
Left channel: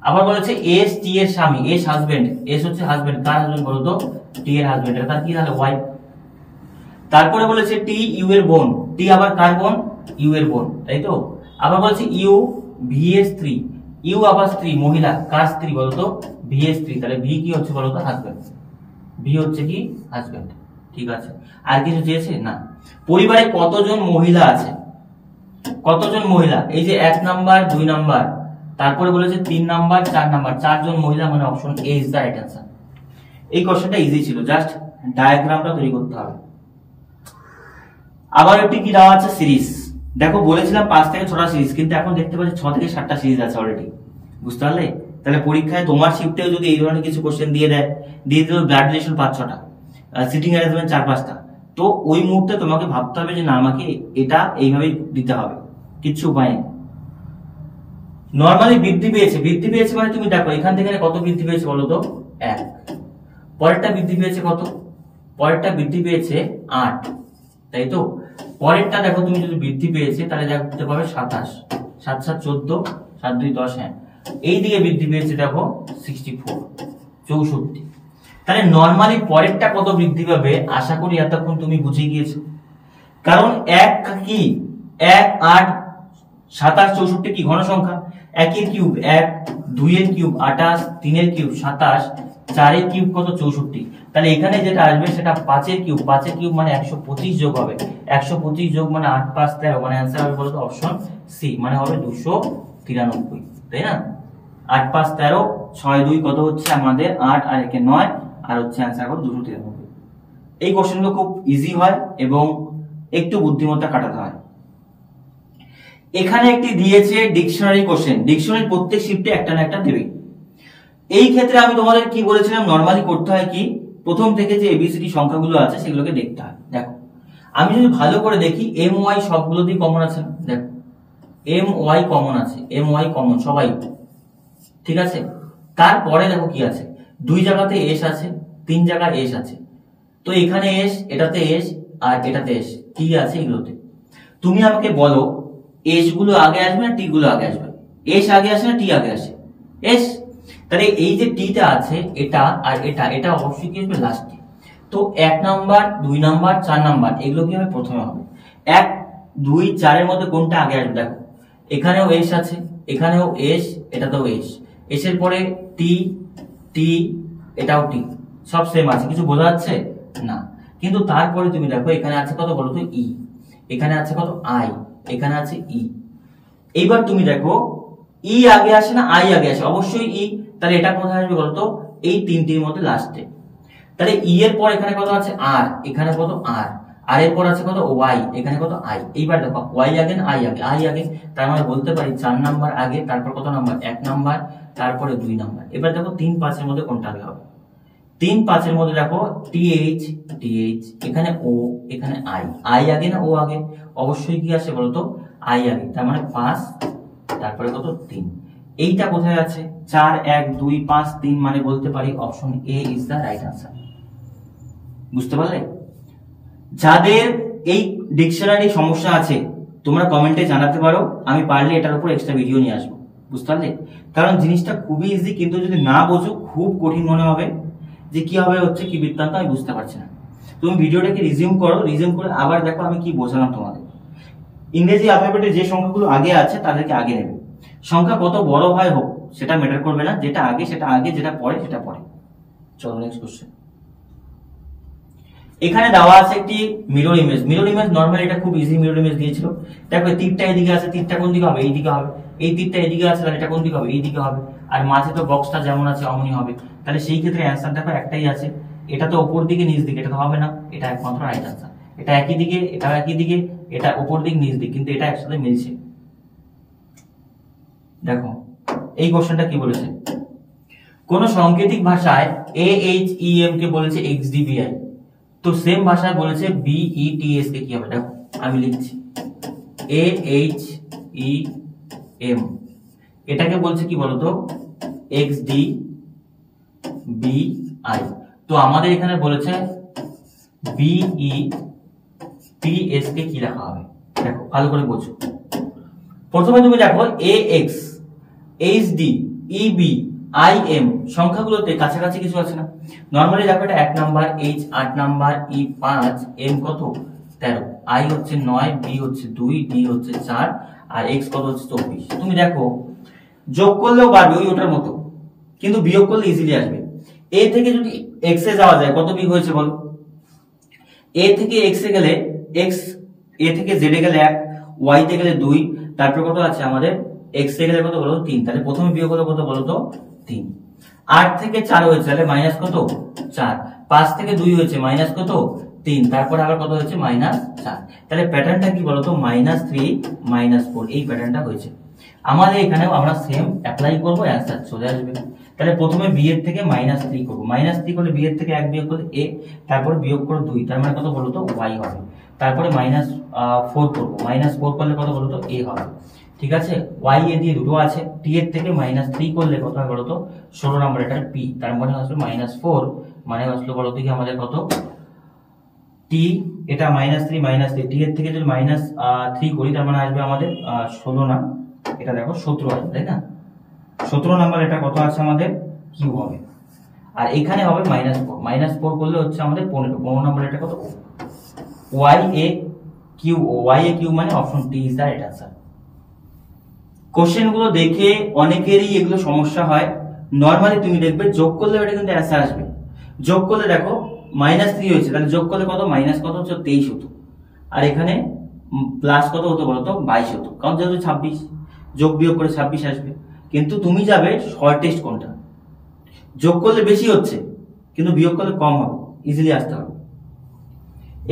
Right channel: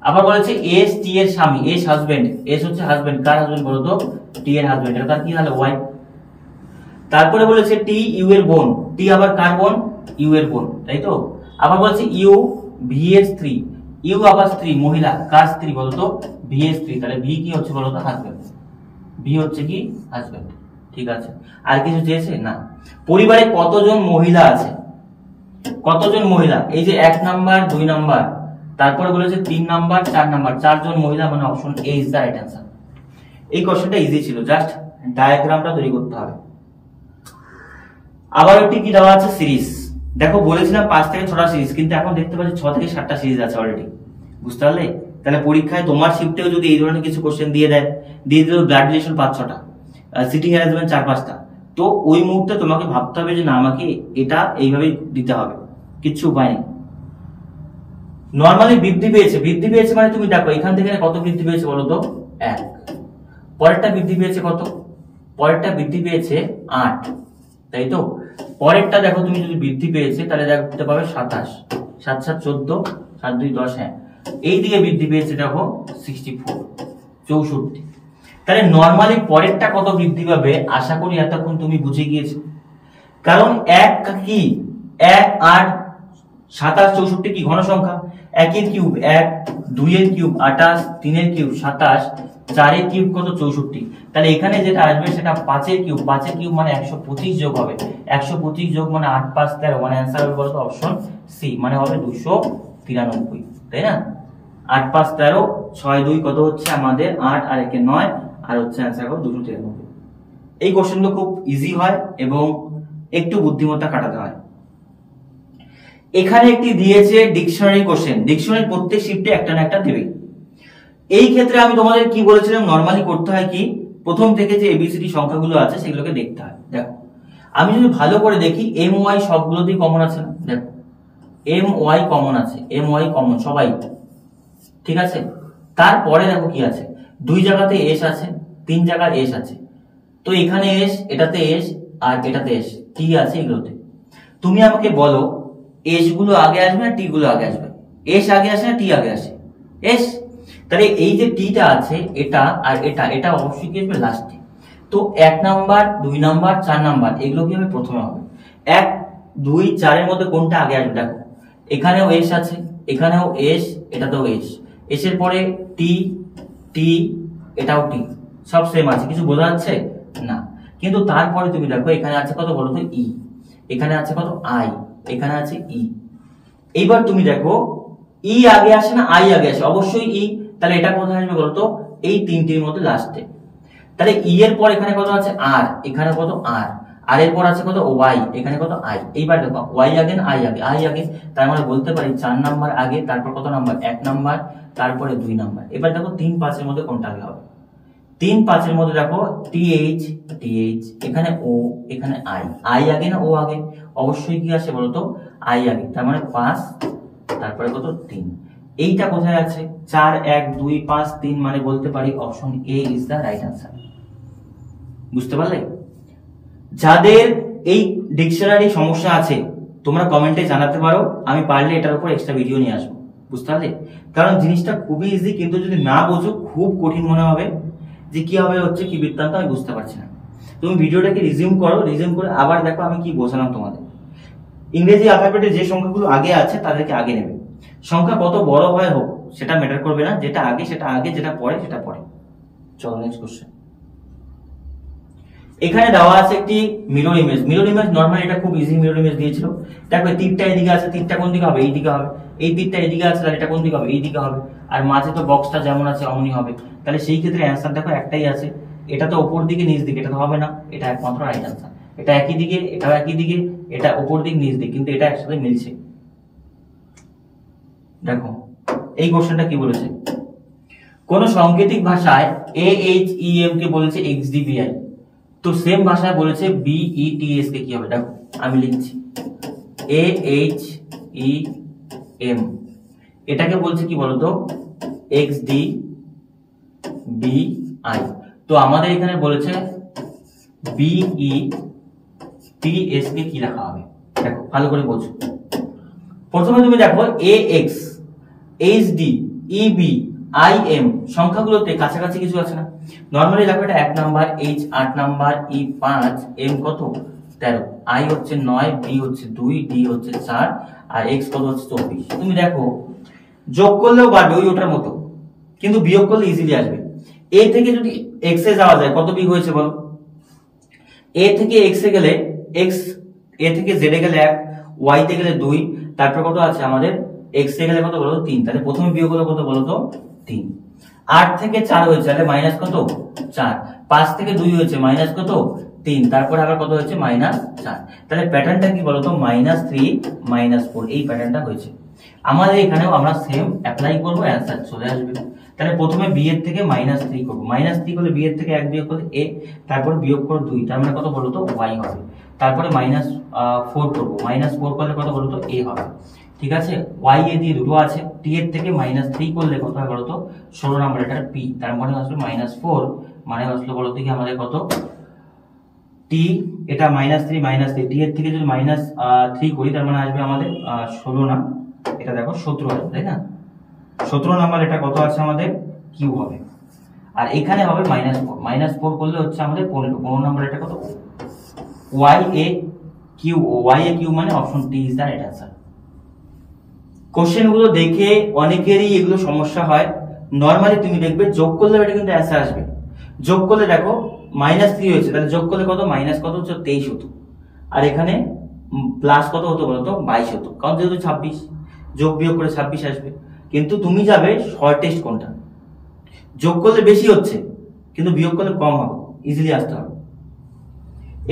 আবার বলেছে এস টি এর স্বামী, এস হাজবেন্ড, এস হচ্ছে হাজবেন্ড, কার হাজবেন্ড বলো তো? টি এর হাজবেন্ড, এটা তার কি হলো? ওয়াইফ। তারপরে বলেছে টি ইউ এর বোন, টি আবার কার বোন? ইউ এর বোন, তাই তো। আবার বলেছে ইউ ভি এর স্ত্রী, ইউ আবার স্ত্রী, মহিলা, কার স্ত্রী বলতো? ভি এর স্ত্রী। তাহলে ভি কি হচ্ছে বলতো? হাজবেন্ড। ভি হচ্ছে কি? হাজবেন্ড। ঠিক আছে, আর কিছু চেয়েছে না। পরিবারে কতজন মহিলা আছে? কতজন মহিলা? এই যে 1 নাম্বার 2 নাম্বার, তারপরে বলেছে 3 নাম্বার 4 নাম্বার, 4 জন মহিলা মানে option A is the right answer. এই কোশ্চেনটা ইজি ছিল, জাস্ট ডায়াগ্রামটা তৈরি করতে হবে। আবার একটি কি দেওয়া আছে সিরিজ। দেখো বলেছিলাম 5 থেকে 6টা সিরিজ, কিন্তু এখন দেখতে পাচ্ছি 6 থেকে 7টা সিরিজ আছে অলরেডি। বুঝতে পারলে? তাহলে পরীক্ষায় তোমার শিফটেও যদি এই ধরনের কিছু কোশ্চেন দিয়ে দেয়, দিয়ে দিল ব্লাড রিলেশন 5-6টা, সিটিং অ্যারেঞ্জমেন্ট 4-5টা, তো ওই মুহূর্তে তোমাকে ভাবতে হবে যে না আমাকে এটা এইভাবেই দিতে হবে, কিচ্ছু উপায় নেই। নরমালি বৃদ্ধি পেয়েছে, বৃদ্ধি পেয়েছে মানে তুমি দেখো এখান থেকে কত বৃদ্ধি পেয়েছে বলো তো? 1। পরেরটা বৃদ্ধি পেয়েছে কত? পরেরটা বৃদ্ধি পেয়েছে 8, তাই তো। পরেরটা দেখো তুমি যদি বৃদ্ধি পেয়েছে তাহলে দেখতে পাবে 27, 7 7 14, 7 2 10। হ্যাঁ, এই দিকে বৃদ্ধি পেয়েছে দেখো 64, 64। তাহলে নরমালি পরেরটা কত বৃদ্ধি পাবে আশা করি এতক্ষণ তুমি বুঝে গিয়েছো। কারণ 1 কি 1 8 27 64 কি ঘন সংখ্যা। 1 এর কিউব 1, 2 এর কিউব 28, 3 এর কিউব 27, 4 এর কিউব কত 64। তাহলে এখানে যেটা আসবে সেটা 5 এর কিউব, 5 এর কিউব মানে 125 যোগ হবে, 125 যোগ মানে 8 5 13, মানে आंसर হবে বলতো অপশন সি, মানে হবে 293, তাই না। 8 5 13, 6 2 কত হচ্ছে আমাদের 8 আর 1 9, আর হচ্ছে आंसर হবে 293। এই কোশ্চেনগুলো খুব ইজি হয় এবং একটু বুদ্ধিমত্তা খাটাতে হয়। এখানে একটি দিয়েছে ডিকশনারি কোশ্চেন, ডিকশনারি প্রত্যেক শিফটে একটা না একটা দেবে। এই ক্ষেত্রে আমি তোমাদের কি বলেছিলাম, নরমালি করতে হয় কি, প্রথম থেকে যে এবিসিডি সংখ্যাগুলো আছে সেগুলোকে দেখতে হয়। দেখো আমি যদি ভালো করে দেখি এম ওয়াই সবগুলোতেই কমন আছে না, দেখো এম ওয়াই কমন আছে, এম ওয়াই কমন সবাই, ঠিক আছে। তারপরে দেখো কি আছে, দুই জায়গাতে এস আছে, তিন জায়গার এস আছে, তো এখানে এস, এটাতে এস আর এটাতে এস, টি আছে এগুলোতে। তুমি আমাকে বলো এস গুলো আগে আসবে না টি গুলো আগে আসবে? এস আগে আসে না টি আগে আসে? এস। তাহলে এই যে টিটা আছে এটা আর এটা, এটা অবশ্যই কি আসবে লাস্টে। তো 1 নাম্বার 2 নাম্বার 4 নাম্বার এগুলো কি হবে প্রথমে হবে। 1 2 4 এর মধ্যে কোনটা আগে আসবে? দেখো এখানেও এস আছে, এখানেও এস, এটাতেও এস, এসের পরে টি, টি, এটাও টি, সব সেম আছে, কিছু বোঝা যাচ্ছে না। কিন্তু তারপরে তুমি দেখো এখানে আছে কত বলো তো ই, এখানে আছে কত আই, এখানে আছে ই। এইবার তুমি দেখো ই আগে আসে না আই আগে আসে? অবশ্যই ই। তাহলে এটা কোথায় আসবে বলতো? এই তিনটির মধ্যে লাস্টে। তাহলে ই এর পর এখানে কত আছে আর, এখানে কত আর, আর এর পর আছে কত ওয়াই, এখানে কত আই। এইবার দেখো ওয়াই আগে না আই আগে? আই আগে। তার মানে বলতে পারি 4 নাম্বার আগে, তারপর কত নাম্বার? 1 নাম্বার, তারপরে 2 নাম্বার। এবার দেখো 3 5 এর মধ্যে কোনটা আগে হবে? 3 5 এর মধ্যে দেখো টিএইচ, টিএইচ, এখানে ও, এখানে আই, আই আগে না ও আগে? অবশ্যই কি আসে বলতো? আই আগে। তার মানে 5, তারপরে কত 3। এইটা কোথায় আছে? 4 1 2 5 3, মানে বলতে পারি option A is the right answer. বুঝতে পারলে? যাদের এই ডিকশনারি সমস্যা আছে তোমরা কমেন্টে জানাতে পারো, আমি পারলে এটার উপর এক্সট্রা ভিডিও নিয়ে আসবো। বুঝতে পারলে? কারণ জিনিসটা খুবই ইজি, কিন্তু যদি না বোঝো খুব কঠিন মনে হবে, যে কি হবে হচ্ছে কি বৃত্তান্ত আমি বুঝতে পারছি না। তুমি ভিডিওটাকে রিজিউম করো, রিজিউম করে আবার দেখো আমি কি বোঝালাম তোমাদের। ইংরেজি অ্যালফাবেটে যে সংখ্যাগুলো আগে আছে তাদেরকে আগে নেবে। সংখ্যা কত বড় হয় হোক সেটা ম্যাটার করবে না, যেটা আগে সেটা আগে, যেটা পরে সেটা পরে। চলো নেক্সট কোশ্চেন। এখানে দেওয়া আছে একটি mirror image. Mirror image normally এটা খুব ইজি মিরর ইমেজ দিয়েছিল। দেখো তীরটা এদিকে আছে, তীরটা কোন দিকে হবে? এই দিকে হবে। এই তীরটা এদিকে আছে, তাহলে এটা কোন দিকে হবে? এই দিকে হবে। আর মাঝে তো বক্সটা যেমন আছে অমনি হবে। তাহলে সেই ক্ষেত্রে অ্যান্সার দেখো একটাই আছে, এটা তো উপর দিকে নিচ দিকে, এটা তো হবে না, এটা একমাত্র রাইট আনসার। এটা একই দিকে, এটাও একই দিকে, এটা উপর দিক নিচ দিক, কিন্তু এটা একসাথে মিলছে। দেখো এই কোশ্চেনটা কি বলেছে, কোন সাংকেতিক ভাষায় AHEM কে বলেছে XDBI, তো সেম ভাষায় বলেছে BETS কে কি হবে? দেখো আমি লিখছি AHEM, এটাকে বলছে কি বলতো? XDBI। তো আমাদের এখানে বলেছে BETS কে কি লেখা হবে? দেখো ভালো করে বোঝো। প্রথমে তুমি দেখো AX, HD, EB, IM সংখ্যাগুলোতে কাছাকাছি কিছু আছে না? নরমালি দেখো এটা 1 number, H 8 number, E 5, M কত 13, I হচ্ছে 9, B হচ্ছে 2, D হচ্ছে 4 আর X কত হচ্ছে 24। তুমি দেখো যোগ করলেও পারবে ওই ওটার মতো, কিন্তু বিয়োগ করলে ইজিলি আসবে। A থেকে যদি X এ যাওয়া যায় কত বিয়োগ হয়েছে বলো? A থেকে X এ গেলে X, A থেকে Z এ গেলে 1, Y তে গেলে 2, তারপর কত আছে আমাদের? X এ গেলে কত বলো? 3। তাহলে প্রথমে বিয়োগ হলো কত বলো তো? 3। 8 থেকে 4 হয়েছে, তাহলে মাইনাস কত? 4। 5 থেকে 2 হয়েছে, মাইনাস কত? 3। তারপরে আবার কত হয়েছে? মাইনাস 4। তাহলে প্যাটার্নটা কি বলতো? -3 -4, এই প্যাটার্নটা হয়েছে। আমাদের এখানেও আমরা সেম অ্যাপ্লাই করব, অ্যানসার চলে আসবে। তাহলে প্রথমে বি এর থেকে -3 করব, -3 করলে বি এর থেকে 1 বিয়োগ করলে a, তারপরে বিয়োগ করো 2, তার মানে কত বলতো? y হবে। তারপরে -4 করব, -4 করলে কত বলতো? a হবে। ঠিক আছে, y এ দিয়ে দুটো আছে, t এর থেকে -3 করলে কত হয় বলতো? 16 নাম্বার, এটা p, তার মানে আসলে -4, মানে আসলে বলতো কি আমাদের কত? t, এটা -3 t এর থেকে যদি -3 করি তার মানে আসবে আমাদের 16 না, এটা দেখো 17 আসবে, তাই না? 17 নাম্বার, এটা কত আছে আমাদের? q হবে। আর এখানে হবে -4 করলে হচ্ছে আমাদের 15 নাম্বার, এটা কত? y a q, y a q মানে অপশন টি is the right answer. Question গুলো দেখে অনেকেরই এগুলো সমস্যা হয়। নরমালি তুমি দেখবে যোগ করলে এটা কিন্তু অ্যান্সার আসবে। যোগ করলে দেখো -3 হয়েছে, তাহলে যোগ করলে কত? মাইনাস কত হচ্ছে? 23 হতো। আর এখানে প্লাস কত হতো বলতো? 22 হতো, কারণ যেহেতু 26, যোগ বিয়োগ করে 26 আসবে। কিন্তু তুমি যাবে শর্টেস্ট কোনটা? যোগ করলে বেশি হচ্ছে কিন্তু বিয়োগ করলে কম হবে, ইজিলি আসতে হবে।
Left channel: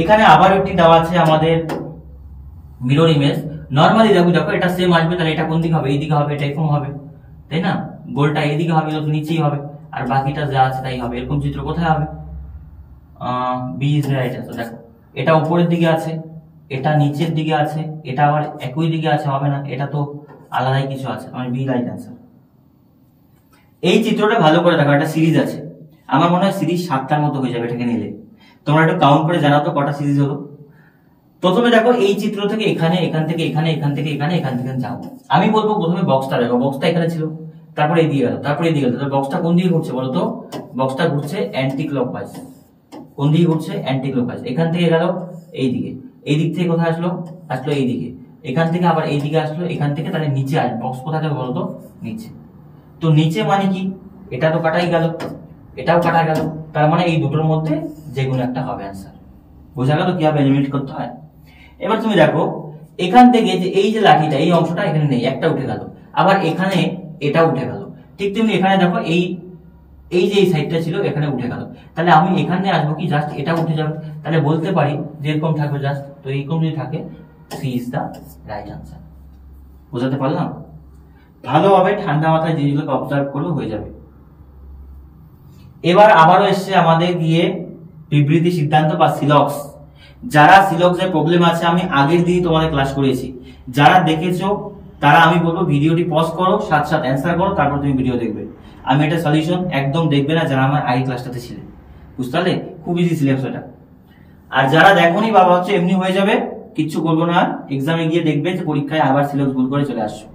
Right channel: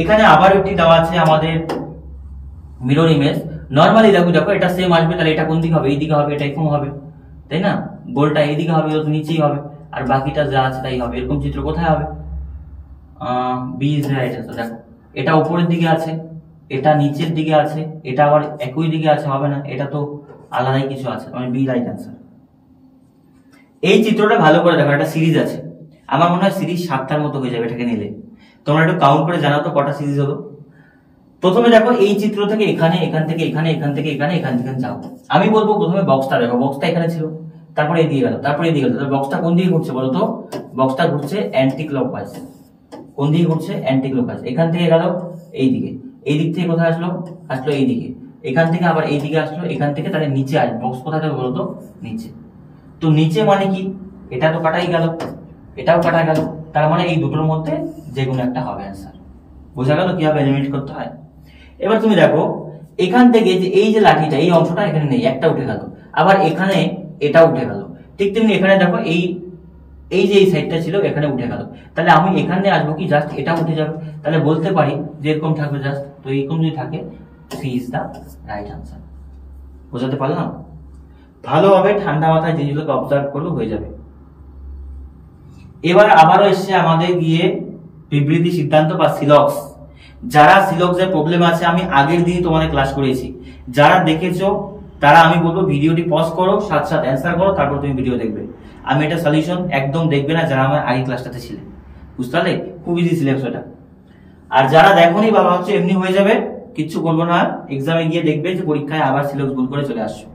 এখানে আবার একটি দেওয়া আছে আমাদের মিরর ইমেজ। নরমালি দেখো দেখো এটা সেম আসবে, তাহলে এটা কোন দিকে হবে? এই দিকে হবে, এটা এরকম হবে, তাই না? গোলটা এইদিকে হবে, তো নিচেই হবে, আর বাকিটা যা আছে তাই হবে। এরকম চিত্র কোথায় হবে? B is right answer. দেখো এটা উপরের দিকে আছে, এটা নিচের দিকে আছে, এটা আবার একই দিকে আছে, হবে না, এটা তো আলাদাই কিছু আছে, মানে বি রাইট আনসার। এই চিত্রটা ভালো করে দেখো, একটা সিরিজ আছে, আমার মনে হয় সিরিজ 7টার মতো হয়ে যাবে এটাকে নিলে। তোমরা একটু কাউন্ট করে জানাও তো কটা সিরিজ হলো। প্রথমে দেখো এই চিত্র থেকে এখানে, এখান থেকে এখানে, এখান থেকে এখানে, এখান থেকে যাও। আমি বলবো প্রথমে বক্সটা দেখো, বক্সটা এখানে ছিল, তারপরে এই দিকে গেল, তারপরে এই দিকে গেল। বক্সটা কোন দিকে ঘুরছে বলো তো? বক্সটা ঘুরছে অ্যান্টি ক্লকওয়াইজ। কোন দিকে ঘুরছে? Anti clockwise. এখান থেকে গেল এই দিকে, এই দিক থেকে কোথায় আসলো? আসলো এই দিকে, এখান থেকে আবার এই দিকে আসলো, এখান থেকে তাহলে নিচে আসবে। বক্স কোথায় যাবে বলো তো? নিচে। তো নিচে মানে কি? এটা তো কাটাই গেল, এটাও কাটা গেল, তার মানে এই দুটোর মধ্যে যে কোনো একটা হবে অ্যান্সার। বোঝা গেল কিভাবে এলিমিনেট করতে হয়? এবার তুমি দেখো এখান থেকে যে এই যে লাঠিটা, এই অংশটা এখানে নেই, একটা উঠে গেল, আবার এখানে এটা উঠে গেল। ঠিক তেমনি এখানে দেখো এই এই যে এই সাইডটা ছিল এখানে উঠে গেল, তাহলে আমি এখানে আসবো কি? জাস্ট এটা উঠে যাবে, তাহলে বলতে পারি যে এরকম থাকবে জাস্ট। তো এরকম যদি থাকে, C is the right answer. বোঝাতে পারলাম? ভালোভাবে ঠান্ডা মাথায় জিনিসগুলোকে অবজার্ভ করলে হয়ে যাবে। এবার আবারও এসছে আমাদের গিয়ে বিবৃতি সিদ্ধান্ত বা সিলক্স। যারা সিলক্সের প্রবলেম আছে, আমি আগের দিনই তোমাদের ক্লাস করেছি, যারা দেখেছো তারা আমি বলবো ভিডিওটি পজ করো, সাথে সাথে অ্যান্সার করো, তারপর তুমি ভিডিও দেখবে। আমি এটা সলিউশন একদম দেখবে না যারা আমার আগের ক্লাসটাতে ছিলে, বুঝতে পারলে? খুব ইজি সিলেক্স ওটা। আর যারা দেখোনি বাবা হচ্ছে এমনি হয়ে যাবে, কিচ্ছু করবো না, এক্সামে গিয়ে দেখবে যে পরীক্ষায় আবার সিলেক্স ভুল করে চলে আসছো।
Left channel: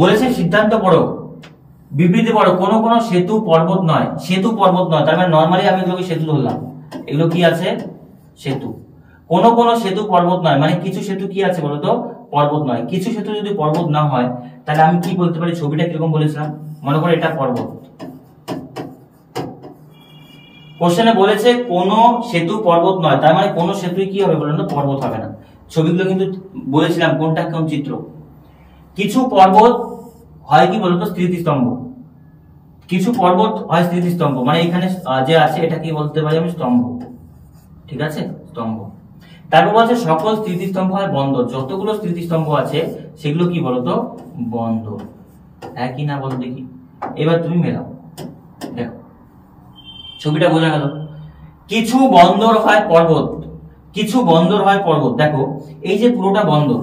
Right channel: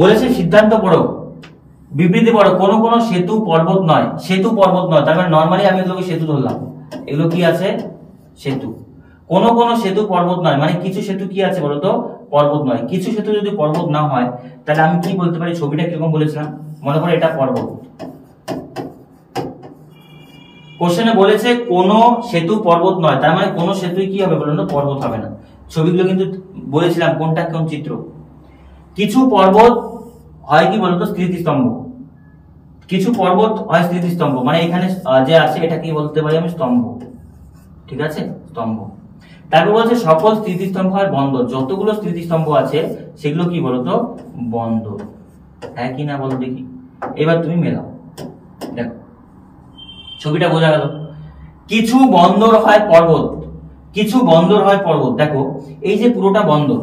বলেছে সিদ্ধান্ত পড়ো, বিবৃতি পড়ো। কোনো কোনো সেতু পর্বত নয়, সেতু পর্বত নয়, তার মানে নর্মালি আমি এগুলোকে সেতু ধরলাম, এগুলো কি আছে? সেতু। কোনো কোনো সেতু পর্বত নয়, মানে কিছু সেতু কি আছে বলতো? পর্বত নয়। কিছু সেতু যদি পর্বত না হয়, তাহলে আমি কি বলতে পারি? ছবিটা কিরকম বলেছিলাম, মনে করো এটা পর্বত। কোশ্চেনে বলেছে কোন সেতু পর্বত নয়, তার মানে কোন সেতুই কি হবে বলুন তো? পর্বত হবে না। ছবিগুলো কিন্তু বলেছিলাম কোনটা কোন চিত্র। কিছু পর্বত হয় কি বলতো? স্মৃতিস্তম্ভ। কিছু পর্বত হয় স্মৃতিস্তম্ভ, মানে এখানে যে আছে এটা কি বলতে পারি আমি? স্তম্ভ। ঠিক আছে, স্তম্ভ। তারপর বলছে সকল স্মৃতিস্তম্ভ হয় বন্দর। যতগুলো স্মৃতিস্তম্ভ আছে সেগুলো কি বলতো? বন্দর। হ্যাঁ কি না বলো দেখি। এবার তুমি মেলাও, দেখো ছবিটা বোঝা গেল। কিছু বন্দর হয় পর্বত, কিছু বন্দর হয় পর্বত। দেখো এই যে পুরোটা বন্দর,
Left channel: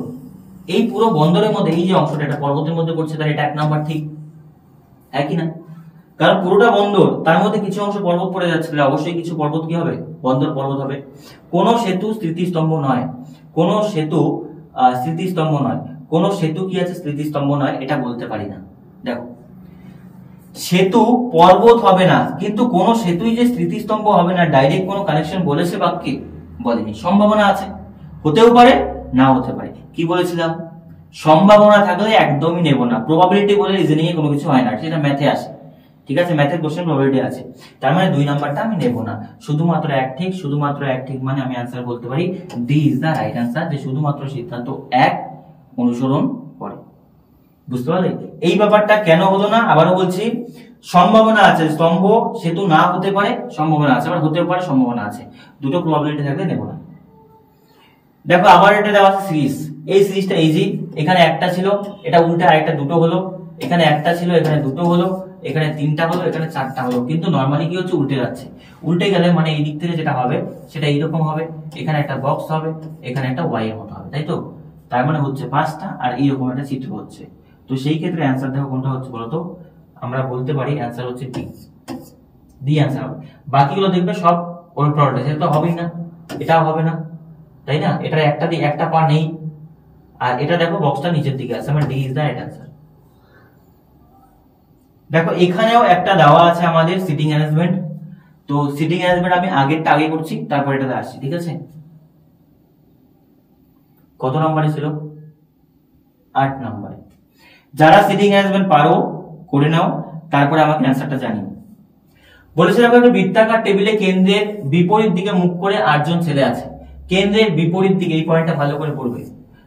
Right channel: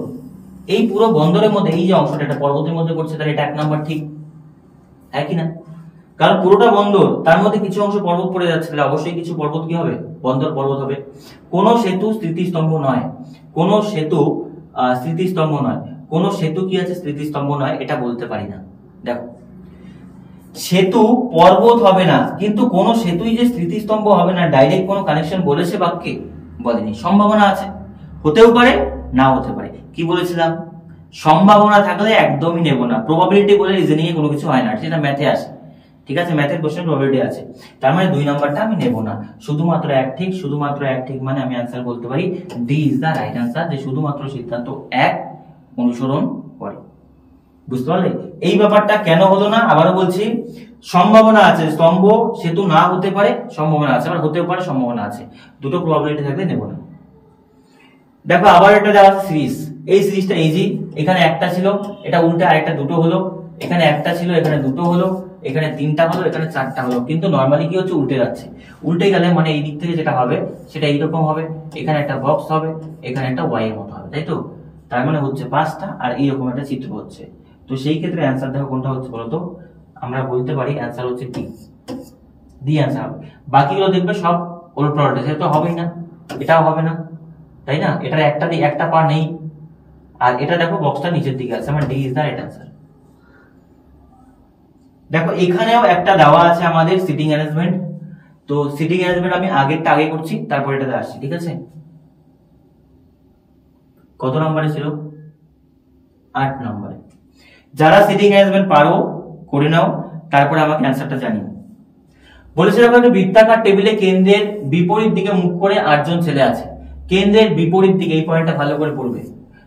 এই পুরো বন্দরের মধ্যে এই যে অংশটা, এটা পর্বতের মধ্যে পড়ছে, তাহলে এটা 1 নাম্বার ঠিক। হ্যাঁ কি না? কারণ পুরোটা বন্দর, তার মধ্যে কিছু অংশ পর্বত পড়ে যাচ্ছে, তাহলে অবশ্যই কিছু পর্বত কি হবে? বন্দর পর্বত হবে। কোন সেতু স্মৃতিস্তম্ভ নয়, কোন সেতু স্মৃতিস্তম্ভ নয়, কোন সেতু কি আছে? স্মৃতিস্তম্ভ নয়, এটা বলতে পারি না। দেখো সেতু পর্বত হবে না, কিন্তু কোন সেতুই যে স্মৃতিস্তম্ভ হবে না, ডাইরেক্ট কোনো কানেকশন বলেছে বাক্যে? বলেনি। সম্ভাবনা আছে, হতেও পারে, না হতে পারে। কি বলেছিলাম? সম্ভাবনা থাকলে একদমই নেব না। প্রবাবিলিটি বলে রিজনিং এ কোনো কিছু হয় না, সেটা ম্যাথে আসে। ঠিক আছে, ম্যাথের কোশ্চেন প্রবাবিলিটি আছে, তার মানে 2 নাম্বারটা আমি নেব না। শুধুমাত্র এক ঠিক, শুধুমাত্র এক ঠিক, মানে আমি অ্যান্সার বলতে পারি D is the right answer, যে শুধুমাত্র সিদ্ধান্ত 1 অনুসরণ করে। বুঝতে পারলে? এই ব্যাপারটা কেন হলো না? আবারও বলছি, সম্ভাবনা আছে, স্তম্ভ সেতু না হতে পারে, সম্ভাবনা আছে, আবার হতে পারে, সম্ভাবনা আছে। দুটো প্রবাবিলিটি থাকলে নেব না। দেখো আবার এটা দেওয়া আছে সিরিজ। এই সিরিজটা ইজি। এখানে একটা ছিল, এটা উল্টে আরেকটা দুটো হলো, এখানে একটা ছিল, এখানে দুটো হলো, এখানে 3টা হলো, এখানে 4টা হলো। কিন্তু নরমালি কি হচ্ছে? উল্টে যাচ্ছে। উল্টে গেলে মানে এই দিক থেকে যেটা হবে সেটা এইরকম হবে, এখানে একটা বক্স হবে, এখানে একটা ওয়াই এর মতো হবে, তাই তো? তার মানে হচ্ছে 5টা, আর এইরকম একটা চিত্র হচ্ছে। তো সেই ক্ষেত্রে অ্যান্সার দেখো কোনটা হচ্ছে বলতো? আমরা বলতে পারি অ্যান্সার হচ্ছে ডি। ডি অ্যান্সার হবে। বাকিগুলো দেখবে সব ওলট পালট, সেটা তো হবেই না, এটাও হবে না, তাই না? এটার একটা পা নেই, আর এটা দেখো বক্সটা নিচের দিকে আছে, মানে D is the right answer. দেখো এখানেও একটা দেওয়া আছে আমাদের সিটিং অ্যারেঞ্জমেন্ট। তো সিটিং অ্যারেঞ্জমেন্ট আমি আগেরটা আগে করছি, তারপর এটাতে আসছি, ঠিক আছে? কত নম্বরে ছিল? 8 নম্বরে। যারা সিটিং অ্যারেঞ্জমেন্ট পারো করে নাও, তারপরে আমাকে অ্যান্সারটা জানিও। বলেছে দেখো একটা বৃত্তাকার টেবিলে কেন্দ্রের বিপরীত দিকে মুখ করে 8 জন ছেলে আছে। কেন্দ্রের বিপরীত দিকে, এই পয়েন্টটা ভালো করে পড়বে।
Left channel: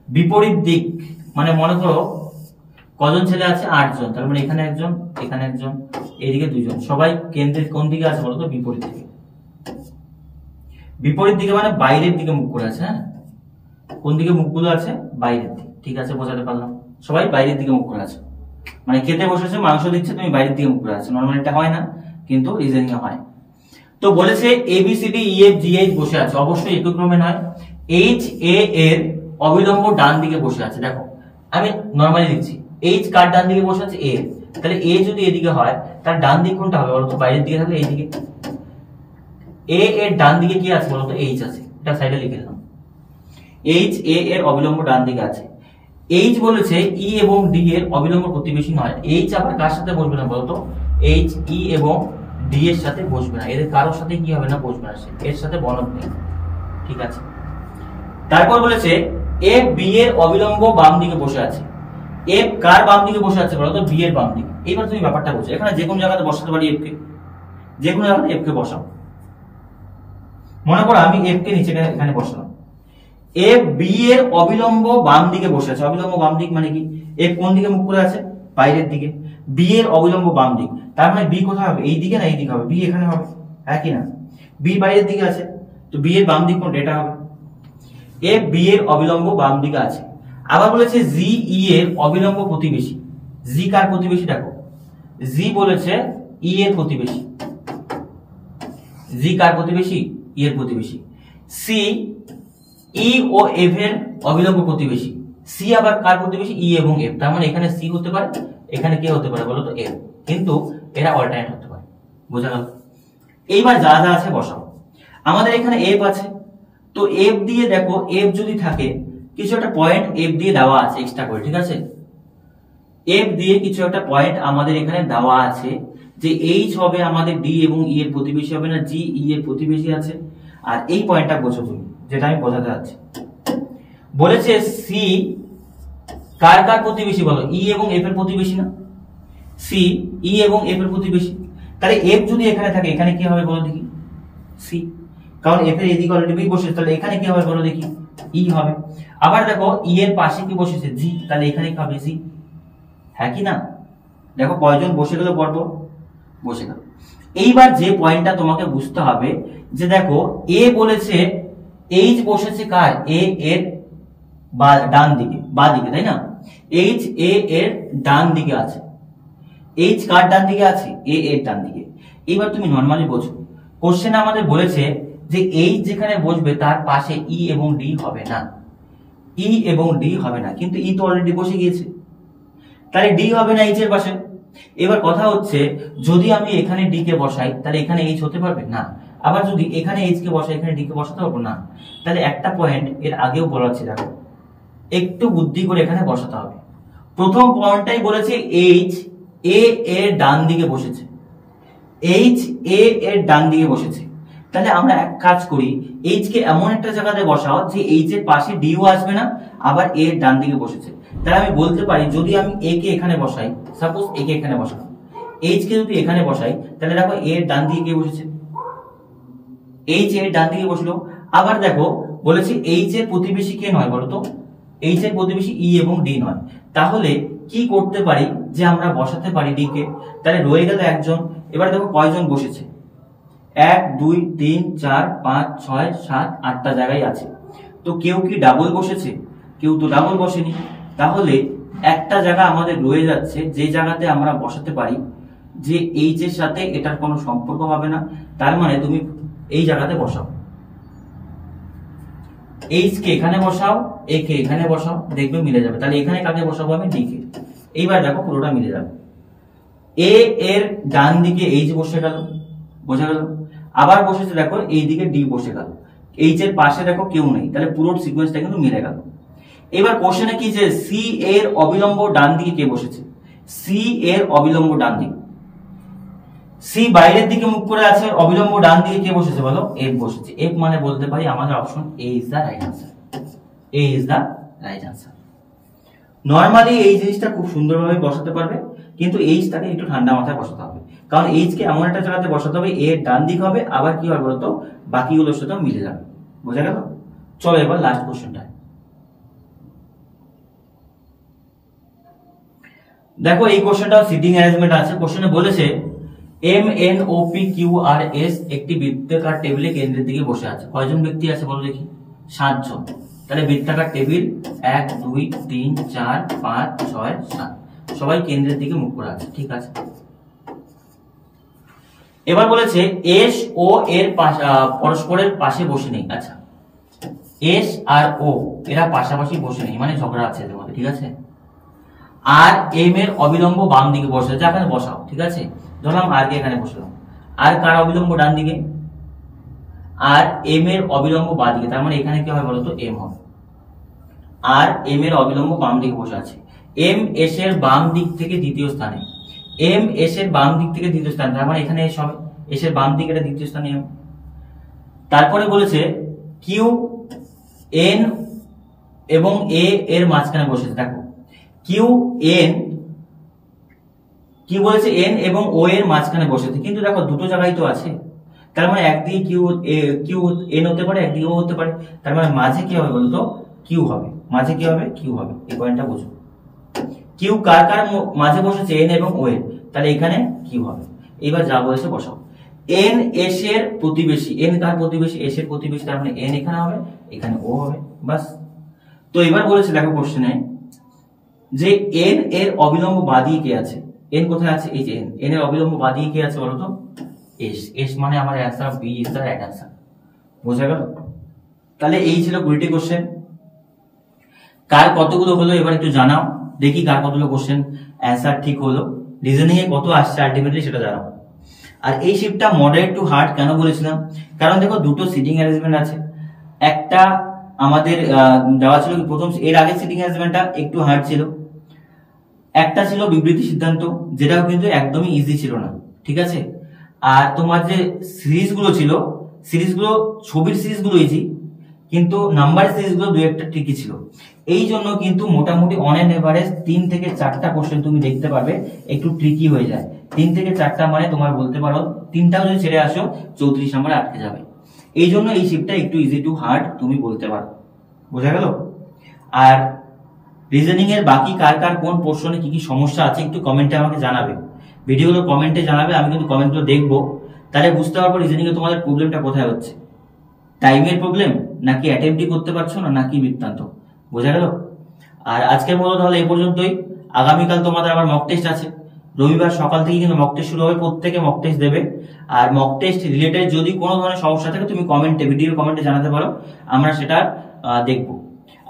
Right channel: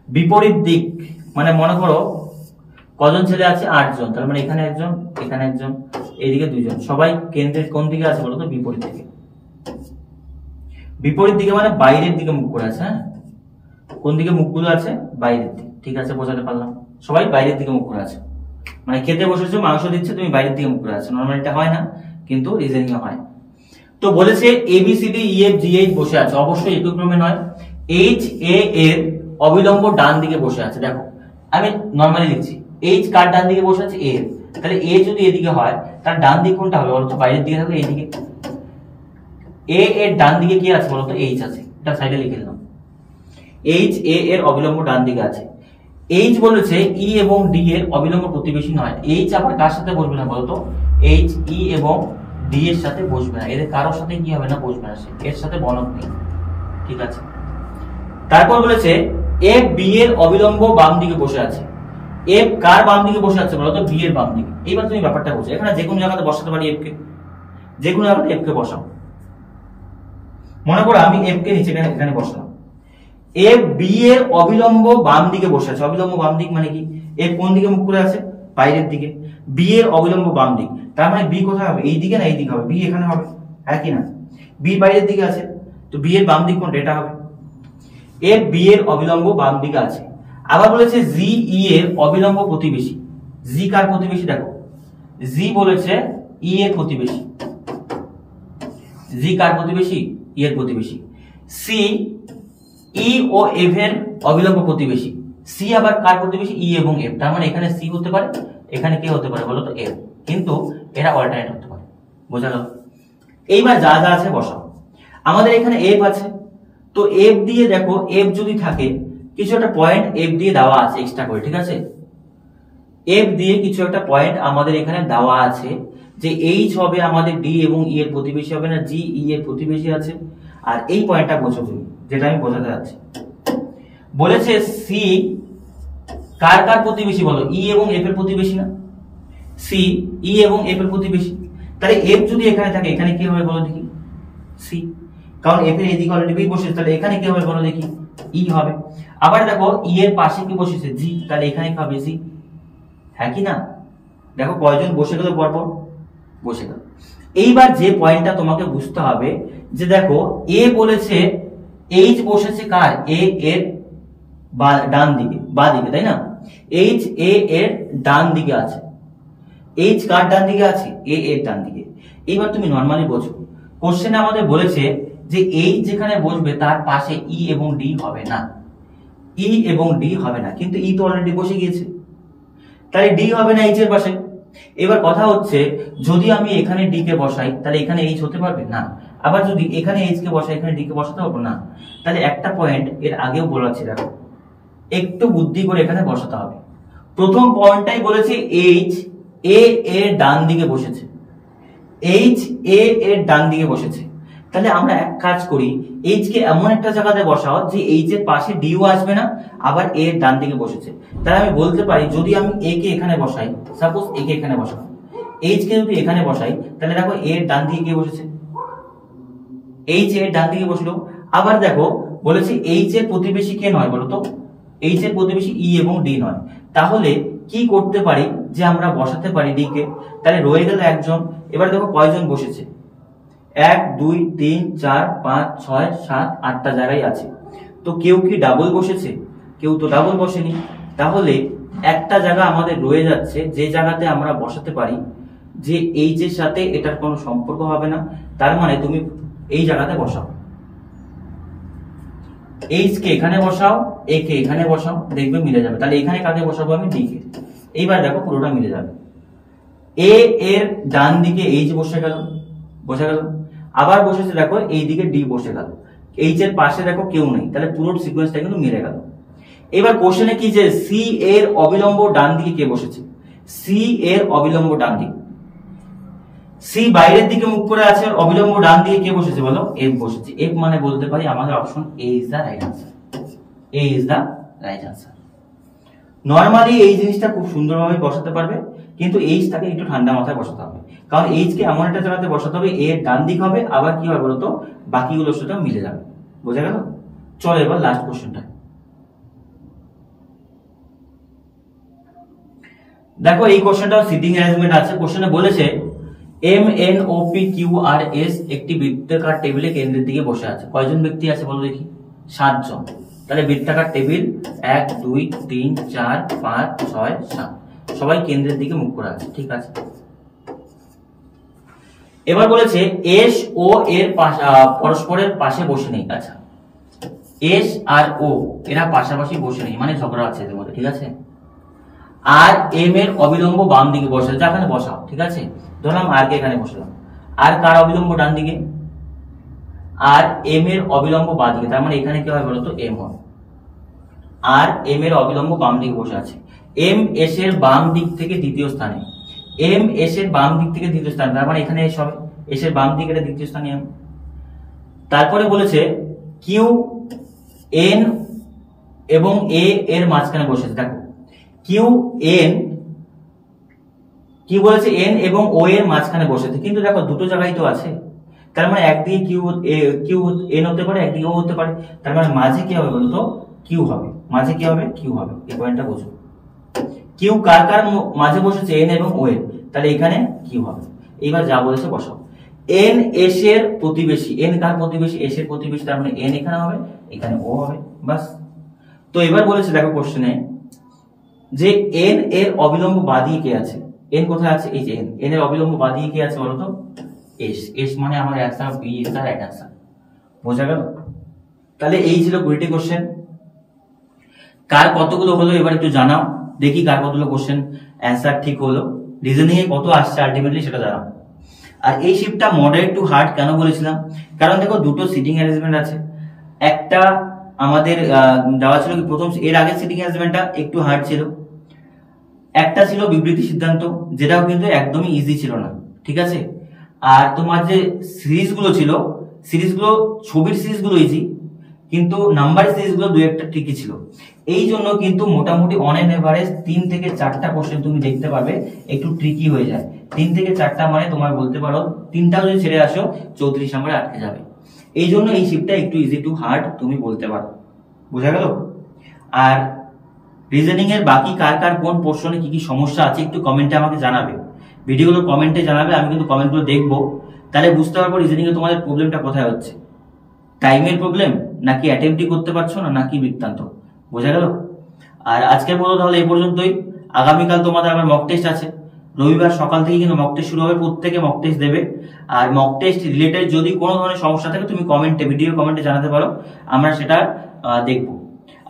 বিপরীত দিক মানে মনে করো কজন ছেলে আছে? 8 জন। তার মানে এখানে একজন, এখানে একজন, এইদিকে 2 জন। সবাই কেন্দ্রের কোন দিকে আছে বলো তো? বিপরীত দিকে। বিপরীত দিকে মানে বাইরের দিকে মুখ করে আছে। হ্যাঁ, কোন দিকে মুখগুলো আছে? বাইরের দিকে। ঠিক আছে, বোঝাতে পারলাম? সবাই বাইরের দিকে মুখ করে আছে, মানে খেতে বসেছো, মাংস দিচ্ছে, তুমি বাইরের দিকে মুখ করে আছো। নর্মালি এটা হয় না, কিন্তু রিজনিং এ হয়। তো বলেছে ABCD EF GH বসে আছে, অবশ্যই একই ক্রমে নয়। HA এর অবিলম্ব ডান দিকে বসে আছে। দেখো আমি নর্মালি লিখছি, H কার ডান দিকে বসে আছে? A এর। তাহলে A যদি এদিকে হয়, তার ডান দিক কোনটা হবে বলতো? বাইরের দিকে থাকলে এইদিকে। A এর ডান দিকে কি আছে বলতো? H আছে। এটা সাইডে লিখে দিলাম। HA এর অবিলম্ব ডান দিকে আছে। H বলেছে E এবং D এর অবিলম্ব প্রতিবেশী নয়। H আবার কার সাথে বসবে না বলতো? H E এবং D এর সাথে বসবে না, এদের কারোর সাথে কি হবে না? বসবে না, এর সাথে বলক নেই। ঠিক আছে, তারপর বলেছে F B এর অবিলম্ব বাম দিকে বসে আছে। F কার বাম দিকে বসে আছে বলতো? B এর বাম দিকে। এবার তুমি ব্যাপারটা বুঝো, এখানে যে কোনো জায়গাতে বসাতে পারি F কে, যে কোনো জায়গাতে F কে বসাও। মনে করো আমি F কে নিচে এখানে বসালাম। F B এর অবিলম্ব বাম দিকে বসে আছে। অবিলম্ব বাম দিক মানে কি? F কোন দিকে মুখ করে আছে? বাইরের দিকে। B এর অবিলম্ব বাম দিক, তার মানে B কোথায় হবে? এই দিকে না এই দিকে হবে? B এখানে হবে, হ্যাঁ কি না? B বাইরের দিকে আছে, তো B এর বাম দিক কোনটা? এটা হবে। F B এর অবিলম্ব বাম দিকে আছে। আবার বলেছে G E এর অবিলম্ব প্রতিবেশী। G কার প্রতিবেশী? দেখো G বলেছে E এর প্রতিবেশী। G কার প্রতিবেশী? E এর প্রতিবেশী। C E ও F এর অবিলম্ব প্রতিবেশী। C আবার কার প্রতিবেশী? E এবং F। তার মানে এখানে C হতে পারে, এখানে কে হতে পারে বলো তো? F। কিন্তু এরা অল্টারনেট হতে পারে। বোঝা গেল? এইবার যা যা আছে বসাও। আমাদের এখানে F আছে, তো F দিয়ে দেখো, F যদি থাকে, কিছু একটা পয়েন্ট F দিয়ে দেওয়া আছে এক্সট্রা করে। ঠিক আছে, F দিয়ে কিছু একটা পয়েন্ট আমাদের এখানে দেওয়া আছে, যে H হবে আমাদের D এবং E এর প্রতিবেশী হবে না, G E এর প্রতিবেশী আছে। আর এই পয়েন্টটা বোঝো তুমি, যেটা আমি বোঝাতে যাচ্ছি। বলেছে C কার কার প্রতিবেশী বলো? E এবং F এর প্রতিবেশী না? C E এবং F এর প্রতিবেশী। তাহলে F যদি এখানে থাকে, এখানে কি হবে বলো দেখি? C, কারণ F এর এদিকে অলরেডি B বসেছে, তাহলে এখানে কি হবে বলো দেখি? E হবে। আবার দেখো E এর পাশে কি বসেছে? G, তাহলে এখানে কি হবে? G, হ্যাঁ কি না? দেখো কয়জন বসে গেল পরপর? বসে গেল। এইবার যে পয়েন্টটা তোমাকে বুঝতে হবে, যে দেখো A বলেছে H বসেছে কার? A এর ডান দিকে, বা দিকে, তাই না? H A এর ডান দিকে আছে। H কার ডান দিকে আছে? A এর ডান দিকে। এবার তুমি নরমালি বোঝো, কোশ্চেনে আমাদের বলেছে যে H যেখানে বসবে তার পাশে E এবং D হবে না। E এবং D হবে না, কিন্তু E তো অলরেডি বসে গিয়েছে, তাহলে D হবে না H এর পাশে। এবার কথা হচ্ছে, যদি আমি এখানে D কে বসাই, তাহলে এখানে H হতে পারবে না। আবার যদি এখানে H কে বসাই, এখানে D কে বসাতে পারবো না। তাহলে একটা পয়েন্ট এর আগেও বলাচ্ছি, দেখো একটু বুদ্ধি করে এখানে বসাতে হবে। প্রথম পয়েন্টটাই বলেছে H A এর ডান দিকে বসেছে। H A এর ডান দিকে বসেছে, তাহলে আমরা এক কাজ করি, H কে এমন একটা জায়গাতে বসাও যে H এর পাশে D ও আসবে না, আবার A এর ডান দিকে বসেছে। তাহলে আমি বলতে পারি, যদি আমি A কে এখানে বসাই, সাপোজ A কে এখানে বসালাম, H কে যদি এখানে বসাই, তাহলে দেখো A এর ডান দিকে কে বসেছে? H এর ডান দিকে বসলো। আবার দেখো বলেছে H এর প্রতিবেশী কে নয় বলো তো? H এর প্রতিবেশী E এবং D নয়। তাহলে কি করতে পারি, যে আমরা বসাতে পারি D কে, তাহলে রয়ে গেল একজন। এবার দেখো কয়জন বসেছে? 1 2 3 4 5 6 7 8টা জায়গায় আছে। তো কেউ কি ডাবল বসেছে? কেউ তো ডাবল বসেনি। তাহলে একটা জায়গা আমাদের রয়ে যাচ্ছে, যে জায়গাতে আমরা বসাতে পারি যে H এর সাথে এটার কোনো সম্পর্ক হবে না। তার মানে তুমি এই জায়গাতে বসাও, H কে এখানে বসাও, A কে এখানে বসাও, দেখবে মিলে যাবে। তাহলে এখানে কাকে বসাবো? আমি D কে। এইবার দেখো পুরোটা মিলে যাবে। A এর ডান দিকে H বসে গেল, বোঝা গেল? আবার বসেছে দেখো এই দিকে D বসে গেল, H এর পাশে দেখো কেউ নেই, তাহলে পুরো সিকোয়েন্সটা কিন্তু মিলে গেল। এবার কোশ্চেনে কি, যে C এর অবিলম্ব ডান দিকে কে বসেছে? C এর অবিলম্ব ডান দিকে, C বাইরের দিকে মুখ করে আছে, অবিলম্ব ডান দিকে কে বসেছে বলো? F বসেছে। F মানে বলতে পারি আমাদের option A is the right answer. A is the right answer. Normally এই জিনিসটা খুব সুন্দরভাবে বসাতে পারবে, কিন্তু H টাকে একটু ঠান্ডা মাথায় বসাতে হবে, কারণ H কে এমন একটা জায়গাতে বসাতে হবে A এর ডান দিক হবে, আবার কি হবে বলতো? বাকিগুলোর সাথে মিলে যাবে। বোঝা গেল? চলো এবার লাস্ট কোশ্চেনটা দেখো। এই কোশ্চেনটাও সিটিং অ্যারেঞ্জমেন্ট আছে। কোশ্চেনে বলেছে MNOPQRS একটি বৃত্তাকার টেবিলে কেন্দ্রের দিকে বসে আছে। কয়জন ব্যক্তি আছে বলো দেখি? 7 জন। তাহলে বৃত্তাকার টেবিল 1 2 3 4 5 6 7, সবাই কেন্দ্রের দিকে মুখ করে আছে। ঠিক আছে, এবার বলেছে এস ও এর পরস্পরের পাশে বসে নেই। আচ্ছা, এস আর ও এরা পাশাপাশি বসে নেই, মানে ঝগড়া আছে এদের মধ্যে। ঠিক আছে, আর এম এর অবিলম্ব বাম দিকে বসে, যেখানে বসাও। ঠিক আছে, ধরলাম আর কে এখানে বসলাম, আর কার অবিলম্ব ডান দিকে, আর এম এর অবিলম্ব বাম দিকে, তার মানে এখানে কি হবে বলতো? এম হবে। আর এম এর অবিলম্ব বাম দিকে বসে আছে। এম এস এর বাম দিক থেকে দ্বিতীয় স্থানে, এম এস এর বাম দিক থেকে দ্বিতীয় স্থানে, তার মানে এখানে এস হবে, এস এর বাম দিকে এটা দ্বিতীয় স্থানে এম। তারপরে বলেছে কিউ এন এবং এ এর মাঝখানে বসেছে। দেখো কিউ এন, কি বলেছে? এন এবং ও এর মাঝখানে বসেছে, কিন্তু দেখো দুটো জায়গায় তো আছে, তার মানে একদিকে কিউ এন হতে পারে, একদিকে ও হতে পারে, তার মানে মাঝে কি হবে বলতো? কিউ হবে। মাঝে কি হবে? কিউ হবে। এই পয়েন্টটা বুঝো। কিউ কার কার মাঝে বসেছে? এন এবং ও এর, তাহলে এখানে কিউ হবে। এবার যা বলেছে বসাও। এন এস এর প্রতিবেশী, এন কার প্রতিবেশী? এস এর প্রতিবেশী, তার মানে এন এখানে হবে, এখানে ও হবে, বাস। তো এবার বলেছে দেখো কোশ্চেনে যে এন এর অবিলম্ব বাদিকে কে আছে? এন কোথায় আছে? এই যে এন, এন এর অবিলম্ব বাদিকে কে আছে বলতো? এস। এস মানে আমার answer B is the right answer. বোঝা গেল? তাহলে এই ছিল 20 কোশ্চেন। কার কতগুলো হলো এবার একটু জানাও দেখি, কার কতগুলো কোশ্চেন অ্যান্সার ঠিক হলো, রিজনিং এ কত আসছে আলটিমেটলি সেটা জানাও। আর এই শিফটটা মডারেট টু হার্ড কেন বলেছিলাম? কারণ দেখো দুটো সিটিং অ্যারেঞ্জমেন্ট আছে। একটা আমাদের দেওয়া ছিল কি প্রথম, এর আগে সিটিং অ্যারেঞ্জমেন্টটা একটু হার্ড ছিল, একটা ছিল বিবৃতি সিদ্ধান্ত, যেটাও কিন্তু একদমই ইজি ছিল না। ঠিক আছে, আর তোমার যে সিরিজগুলো ছিল, সিরিজগুলো ছবির সিরিজগুলো ইজি, কিন্তু নাম্বার সিরিজগুলো দুই একটা ট্রিকি ছিল। এই জন্য কিন্তু মোটামুটি অন এন এভারেজ 3 থেকে 4টা কোশ্চেন তুমি দেখতে পারবে একটু ট্রিকি হয়ে যায়। 3 থেকে 4টা মানে তোমার বলতে পারো 3টাও যদি ছেড়ে আসো 34 নম্বরে আটকে যাবে। এই জন্য এই শিফটটা একটু ইজি টু হার্ড তুমি বলতে পারো। বোঝা গেল? আর রিজনিং এর বাকি কার কার কোন পোর্শনে কি কি সমস্যা আছে একটু কমেন্টে আমাকে জানাবে, ভিডিওগুলো কমেন্টে জানাবে, আমি কিন্তু কমেন্টগুলো দেখবো, তাহলে বুঝতে পারবো রিজনিং এ তোমাদের প্রবলেমটা কোথায় হচ্ছে, টাইমের প্রবলেম নাকি অ্যাটেম্পটই করতে পারছো না নাকি বৃত্তান্ত। বোঝা গেল? আর আজকের মতো তাহলে এই পর্যন্তই। আগামীকাল তোমাদের আবার মক টেস্ট আছে, রবিবার সকাল থেকে কিন্তু মক টেস্ট শুরু হবে, প্রত্যেকে মক টেস্ট দেবে। আর মক টেস্ট রিলেটেড যদি কোনো ধরনের সমস্যা থাকে তুমি কমেন্টে, ভিডিও কমেন্টে জানাতে পারো, আমরা সেটা দেখবো।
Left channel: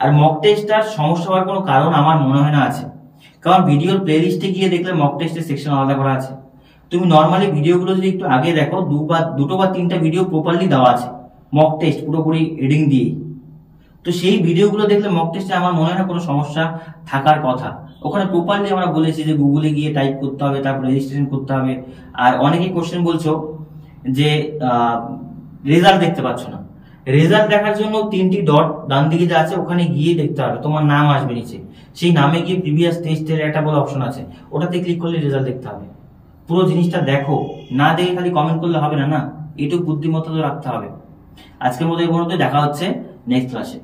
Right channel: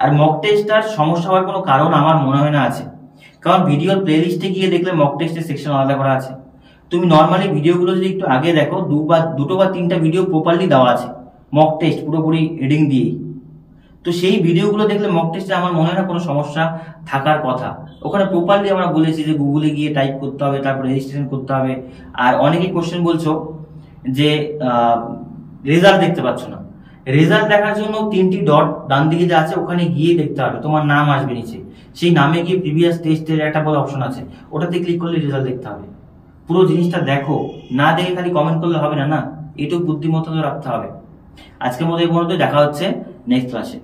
আর মক টেস্টটার সমস্যা হওয়ার কোনো কারণ আমার মনে হয় না আছে, কারণ ভিডিওর প্লেলিস্টে গিয়ে দেখলে মক টেস্টের সেকশন আলাদা করা আছে। তুমি নর্মালি ভিডিওগুলো যদি একটু আগে দেখো, দুটো বা তিনটা ভিডিও প্রপারলি দেওয়া আছে মক টেস্ট পুরোপুরি হেডিং দিয়েই, তো সেই ভিডিওগুলো দেখলে মক টেস্টে আমার মনে হয় না কোনো সমস্যা থাকার কথা। ওখানে প্রপারলি আমরা বলেছি যে গুগলে গিয়ে টাইপ করতে হবে, তারপর রেজিস্ট্রেশন করতে হবে। আর অনেকেই কোশ্চেন বলছো যে রেজাল্ট দেখতে পাচ্ছ না, রেজাল্ট দেখার জন্য 3টি ডট ডান দিকে যে আছে ওখানে গিয়ে দেখতে হবে, তোমার নাম আসবে নিচে, সেই নামে গিয়ে প্রিভিয়াস টেস্টের একটা বড় অপশন আছে, ওটাতে ক্লিক করলে রেজাল্ট দেখতে হবে। পুরো জিনিসটা দেখো, না দেখে খালি কমেন্ট করলে হবে না, না এটুকু বুদ্ধিমত্তা তো রাখতে হবে। আজকের মতো এই পর্যন্ত, দেখা হচ্ছে নেক্সট ক্লাসে।